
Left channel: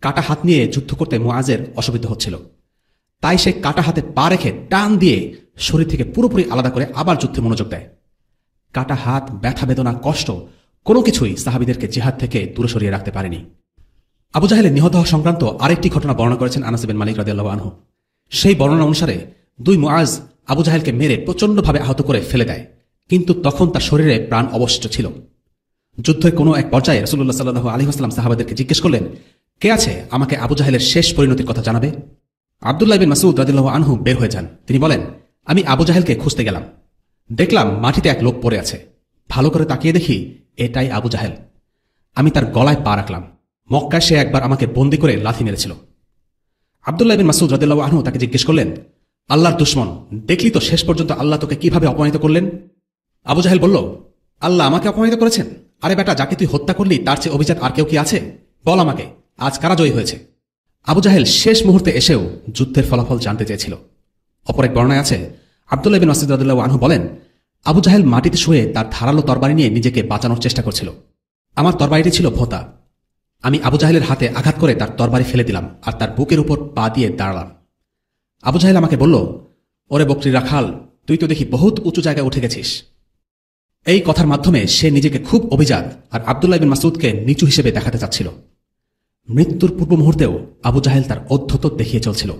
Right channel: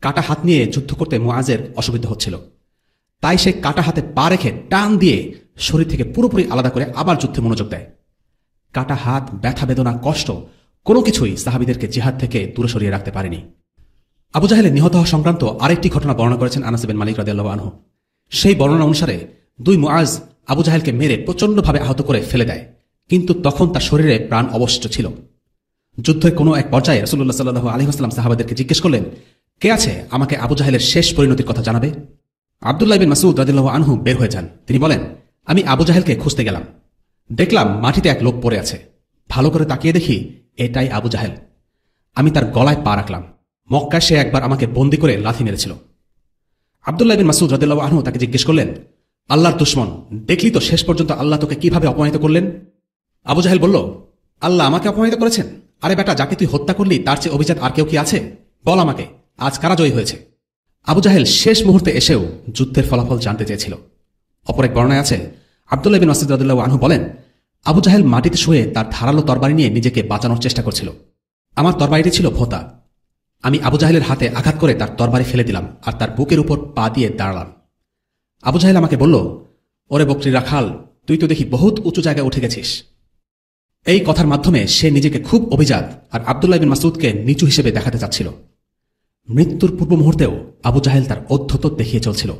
কাটা হাত নিয়ে যুদ্ধ করতে মুআযের অসুবিধা হচ্ছিল, তাই সে কাটা হাতে পা রেখে টান দিয়ে শরীর থেকে পুরোপুরি আলাদা করে আবার যুদ্ধে মনোযোগ দেয়। কাটা হাত, ব্যথা, বেদনা, কষ্ট কোনো কিছুই সাহাবীদেরকে জিহাদ থেকে দূরে সরিয়ে রাখতে পারেনি। আবু জাহেলের নিহত হওয়া সংক্রান্ত আরেকটি ঘটনা বর্ণনা করেছেন আনাস বিন মালিক রাদিয়াল্লাহু আনহু। সেই বর্ণনা অনুসারে দুই মুআয আবু জাহেলকে মেরে প্রচন্ডভাবে আহত করে ফেলে দেয়, কিন্তু তখন তার শরীরে প্রাণ অবশিষ্ট ছিল। যুদ্ধের কোনো এক পর্যায়ে রাসূলুল্লাহ সাল্লাল্লাহু আলাইহি ওয়াসাল্লাম সাহাবাদেরকে জিজ্ঞেস করলেন, কে আছে আমাকে আবু জাহেলের শেষ পরিণতির কথা জানাবে? আব্দুল্লাহ বিন মাসউদ রাদিয়াল্লাহু আনহু বের হয়ে যান। তিনি বলেন, আমি আবু জাহেলকে খুঁজতে গেলাম, দেখলাম মাটিতে এক লোক পড়ে আছে। ভালো করে তাকিয়ে দেখি এটাই আবু জাহেল। আমি তার গলায় পা রাখলাম। মক্কায় সে একবার আমাকে বন্দী করে লাথি মেরেছিল। আব্দুল্লাহ বিন মাসউদ রাদিয়াল্লাহু আনহু তাকে জিজ্ঞেস করলেন, আল্লাহর দুশমন, দেখলি তো শেষ পর্যন্ত আল্লাহ তোকে কিভাবে অপমানিত করলেন? আবু জাহেল বলল, আল্লাহ আমাকে অপমানিত করেছেন? আরে বেটা, যাকে তুই হত্যা করলি তার চেয়ে অভিজাত আর কেউ কি আছে? বল আমাকে, আজ কারা জয়ী হয়েছে? আবু জাহেল শেষ মুহূর্তে এসেও যুদ্ধের ফলাফল জানতে চেয়েছিল। অপর এক বর্ণনায় আছে, আব্দুল্লাহ বিন মাসউদ রাদিয়াল্লাহু আনহু বলেন, আবু জাহেল মাটিতে শুয়ে তার ধারালো তরবারি নিয়ে নিজেকে বাঁচানোর চেষ্টা করছিল। আমার তরবারিটি ছিল ভোঁতা। আমি আবু জাহেলের হাতে আঘাত করে তার তরবারি ফেলে দিলাম আর তার বুকের উপর পা দিয়ে দাঁড়ালাম। আবু জাহেল আমাকে বলল, ওরে বকরি রাখাল, তুই তো দেখি বহুত উঁচু জায়গায় উঠে গেছিস। এই কথার মাধ্যমে সে নিজেকে খুব অভিজাত আর আব্দুল্লাহ বিন মাসউদকে নিচু হিসেবে দেখাতে চাচ্ছিল। মৃত্যুর পূর্ব মুহূর্তেও আবু জাহেল তার অধ্যত্ব দেখিয়ে চলছিল।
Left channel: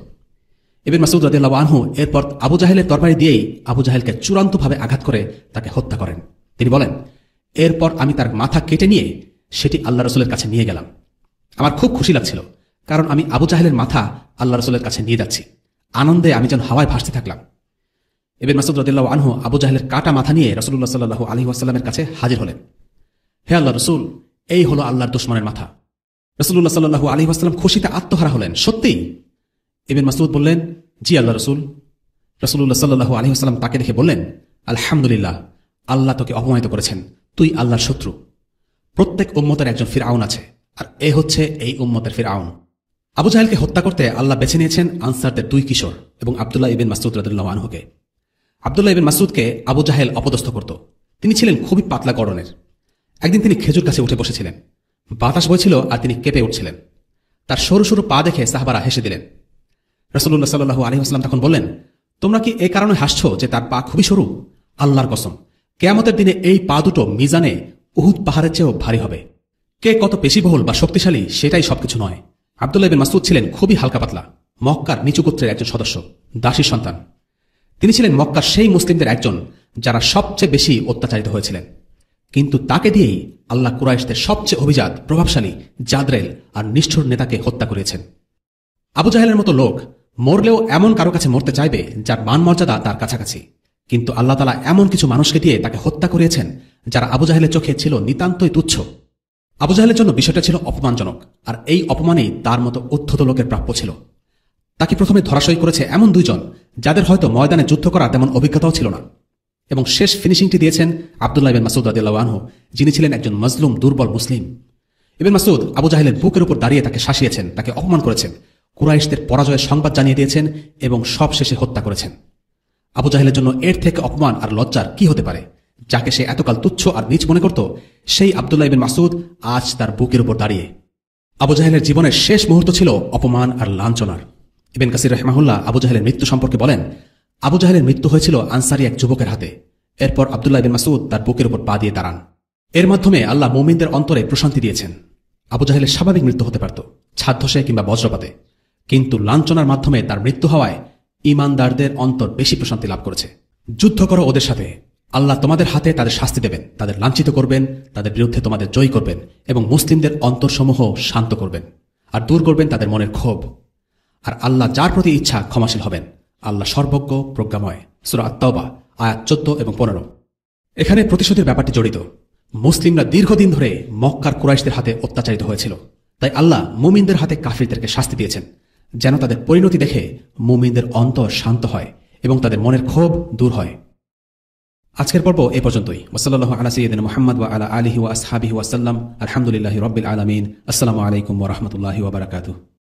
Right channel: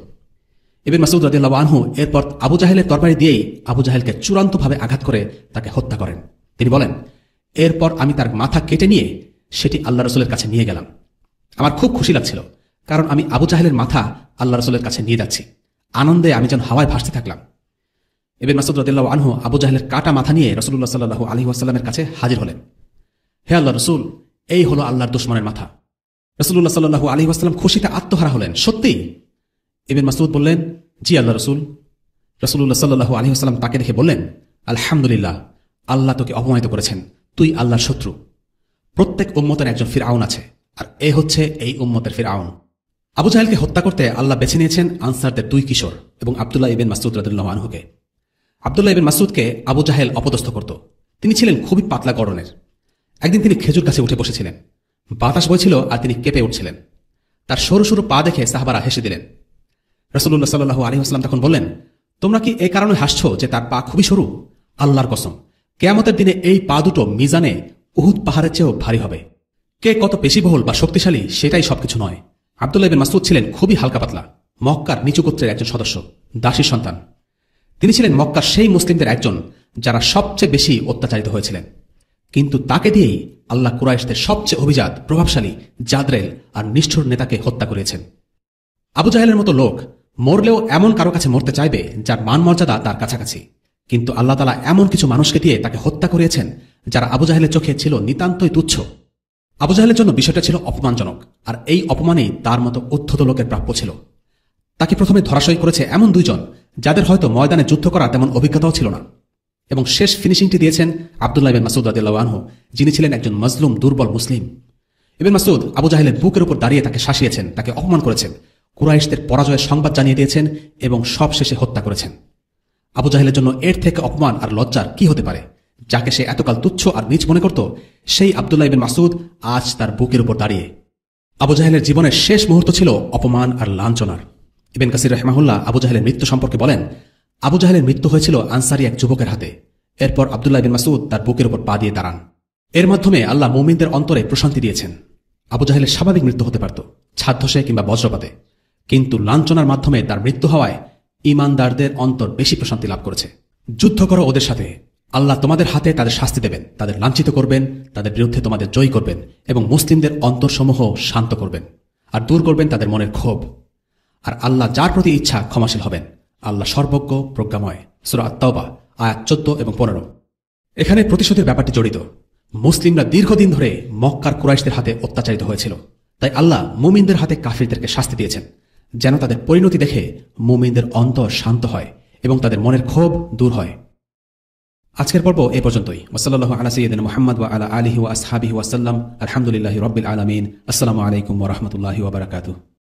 ইবনে মাসউদ রাদিয়াল্লাহু আনহু এরপর আবু জাহেলের তরবারি দিয়েই আবু জাহেলকে চূড়ান্তভাবে আঘাত করে তাকে হত্যা করেন। তিনি বলেন, এরপর আমি তার মাথা কেটে নিয়ে সেটি আল্লাহ রাসূলের কাছে নিয়ে গেলাম। আমার খুব খুশি লাগছিল, কারণ আমি আবু জাহেলের মাথা আল্লাহ রাসূলের কাছে নিয়ে যাচ্ছি। আনন্দে আমি যেন হাওয়ায় ভাসতে থাকলাম। ইবনে মাসউদ রাদিয়াল্লাহু আনহু আবু জাহেলের কাটা মাথা নিয়ে রাসূলুল্লাহ সাল্লাল্লাহু আলাইহি ওয়াসাল্লামের কাছে হাজির হলেন। হে আল্লাহর রাসূল, এই হলো আল্লাহর দুশমনের মাথা। রাসূলুল্লাহ সাল্লাল্লাহু আলাইহি ওয়াসাল্লাম খুশিতে আত্মহারা হলেন। সত্যি? ইবনে মাসউদ বললেন, জি আল্লাহর রাসূল। রাসূলুল্লাহ সাল্লাল্লাহু আলাইহি ওয়াসাল্লাম তাকে দেখে বললেন, আলহামদুলিল্লাহ, আল্লাহ তোকে অপমানিত করেছেন। তুই আল্লাহর শত্রু। প্রত্যেক উম্মতের একজন ফিরআউন আছে, আর এই হচ্ছে এই উম্মতের ফিরআউন। আবু জাহেলকে হত্যা করতে আল্লাহ বেছে নিয়েছেন আনসারদের দুই কিশোর এবং আব্দুল্লাহ ইবনে মাসউদ রাদিয়াল্লাহু আনহুকে। আব্দুল্লাহ ইবনে মাসউদকে আবু জাহেল অপদস্থ করত। তিনি ছিলেন খুবই পাতলা গড়নের। একদিন তিনি খেজুর গাছে উঠে বসেছিলেন। বাতাস বইছিল আর তিনি কেঁপে উঠছিলেন। তার সরু সরু পা দেখে সাহাবারা হেসে দিলেন। রাসূলুল্লাহ সাল্লাল্লাহু আলাইহি ওয়াসাল্লাম তখন বললেন, তোমরা কি এই কারণে হাসছো যে তার পা খুবই সরু? আল্লাহর কসম, কিয়ামতের দিনে এই পা দুটো মিজানে উহুদ পাহাড়ের চেয়েও ভারী হবে। কে কত পেশিবহুল বা শক্তিশালী সেটাই সবকিছু নয়। আব্দুল্লাহ ইবনে মাসউদ ছিলেন খুবই হালকা পাতলা, মক্কার নিচু গোত্রের একজন সদস্য, দাসীর সন্তান। তিনি ছিলেন মক্কার সেই মুসলিমদের একজন যারা সবচেয়ে বেশি অত্যাচারিত হয়েছিলেন। কিন্তু তাকে দিয়েই আল্লাহ কুরাইশদের সবচেয়ে অভিজাত, প্রভাবশালী, জাদরেল আর নিষ্ঠুর নেতাকে হত্যা করিয়েছেন। আবু জাহেলের মতো লোক মরলেও এমন কারো কাছে মরতে চাইবে যার মান মর্যাদা তার কাছাকাছি। কিন্তু আল্লাহ তাআলা এমন কিছু মানুষকে দিয়ে তাকে হত্যা করিয়েছেন যারা আবু জাহেলের চোখে ছিল নিতান্তই তুচ্ছ। আবু জাহেলের জন্য বিষয়টা ছিল অপমানজনক, আর এই অপমানেই তার মতো উদ্ধত লোকের প্রাপ্য ছিল। তাকে প্রথমে ধরাশয়ী করেছে এমন দুইজন যাদের হয়তো ময়দানে যুদ্ধ করা তেমন অভিজ্ঞতাও ছিল না, এবং শেষ ফিনিশিংটি দিয়েছেন আব্দুল্লাহ ইবনে মাসউদ রাদিয়াল্লাহু আনহু, যিনি ছিলেন একজন মজলুম দুর্বল মুসলিম। ইবনে মাসউদ আবু জাহেলের বুকের উপর দাঁড়িয়ে তাকে শাসিয়েছেন, তাকে অপমান করেছেন, কুরাইশদের পরাজয়ের সংবাদ জানিয়ে দিয়েছেন এবং সব শেষে হত্যা করেছেন। আবু জাহেলের জন্য এর থেকে অপমান আর লজ্জার কি হতে পারে? যাকে সে এতকাল তুচ্ছ আর নীচ মনে করত, সেই আব্দুল্লাহ ইবনে মাসউদ আজ তার বুকের উপর দাঁড়িয়ে। আবু জাহেলের জীবনের শেষ মুহূর্ত ছিল অপমান আর লাঞ্ছনার। ইবনে কাসির রাহিমাহুল্লাহ আবু জাহেলের মৃত্যু সম্পর্কে বলেন, আবু জাহেলের মৃত্যু হয়েছিল আনসারী এক যুবকের হাতে। এরপর আব্দুল্লাহ ইবনে মাসউদ তার বুকের উপর পা দিয়ে দাঁড়ান। এর মাধ্যমে আল্লাহ মুমিনদের অন্তরে প্রশান্তি দিয়েছেন। আবু জাহেলের স্বাভাবিক মৃত্যু হতে পারত, ছাদ ধসে কিংবা বজ্রপাতে, কিন্তু লাঞ্ছনার মাধ্যমে তার মৃত্যু হওয়ায় ঈমানদারদের অন্তর বেশি প্রশান্তি লাভ করেছে। যুদ্ধ করো ওদের সাথে, আল্লাহ তোমাদের হাতে তাদের শাস্তি দেবেন, তাদের লাঞ্ছিত করবেন, তাদের বিরুদ্ধে তোমাদের জয়ী করবেন এবং মুসলিমদের অন্তরসমূহ শান্ত করবেন আর দূর করবেন তাদের মনের ক্ষোভ। আর আল্লাহ যার প্রতি ইচ্ছা ক্ষমাশীল হবেন। আল্লাহ সর্বজ্ঞ, প্রজ্ঞাময়। সূরা আত-তাওবা আয়াত 14 এবং 15। এখানে প্রতিশোধের ব্যাপারটি জড়িত। মুসলিমরা দীর্ঘদিন ধরে মক্কার কুরাইশদের হাতে অত্যাচারিত হয়েছিল, তাই আল্লাহ মুমিনদের হাতে কাফিরদেরকে শাস্তি দিয়েছেন, যেন তাদের পরিণতি দেখে মুমিনদের অন্তর শান্ত হয় এবং তাদের মনের ক্ষোভ দূর হয়। আজকের পর্ব এই পর্যন্তই। ওয়াসাল্লাল্লাহু আলা সাইয়্যিদিনা মুহাম্মদ ওয়া আলা আলিহি ওয়া আসহাবিহি ওয়া সাল্লাম। আলহামদুলিল্লাহি রাব্বিল আলামিন। আসসালামু আলাইকুম ওয়া রাহমাতুল্লাহি ওয়া বারাকাতুহু।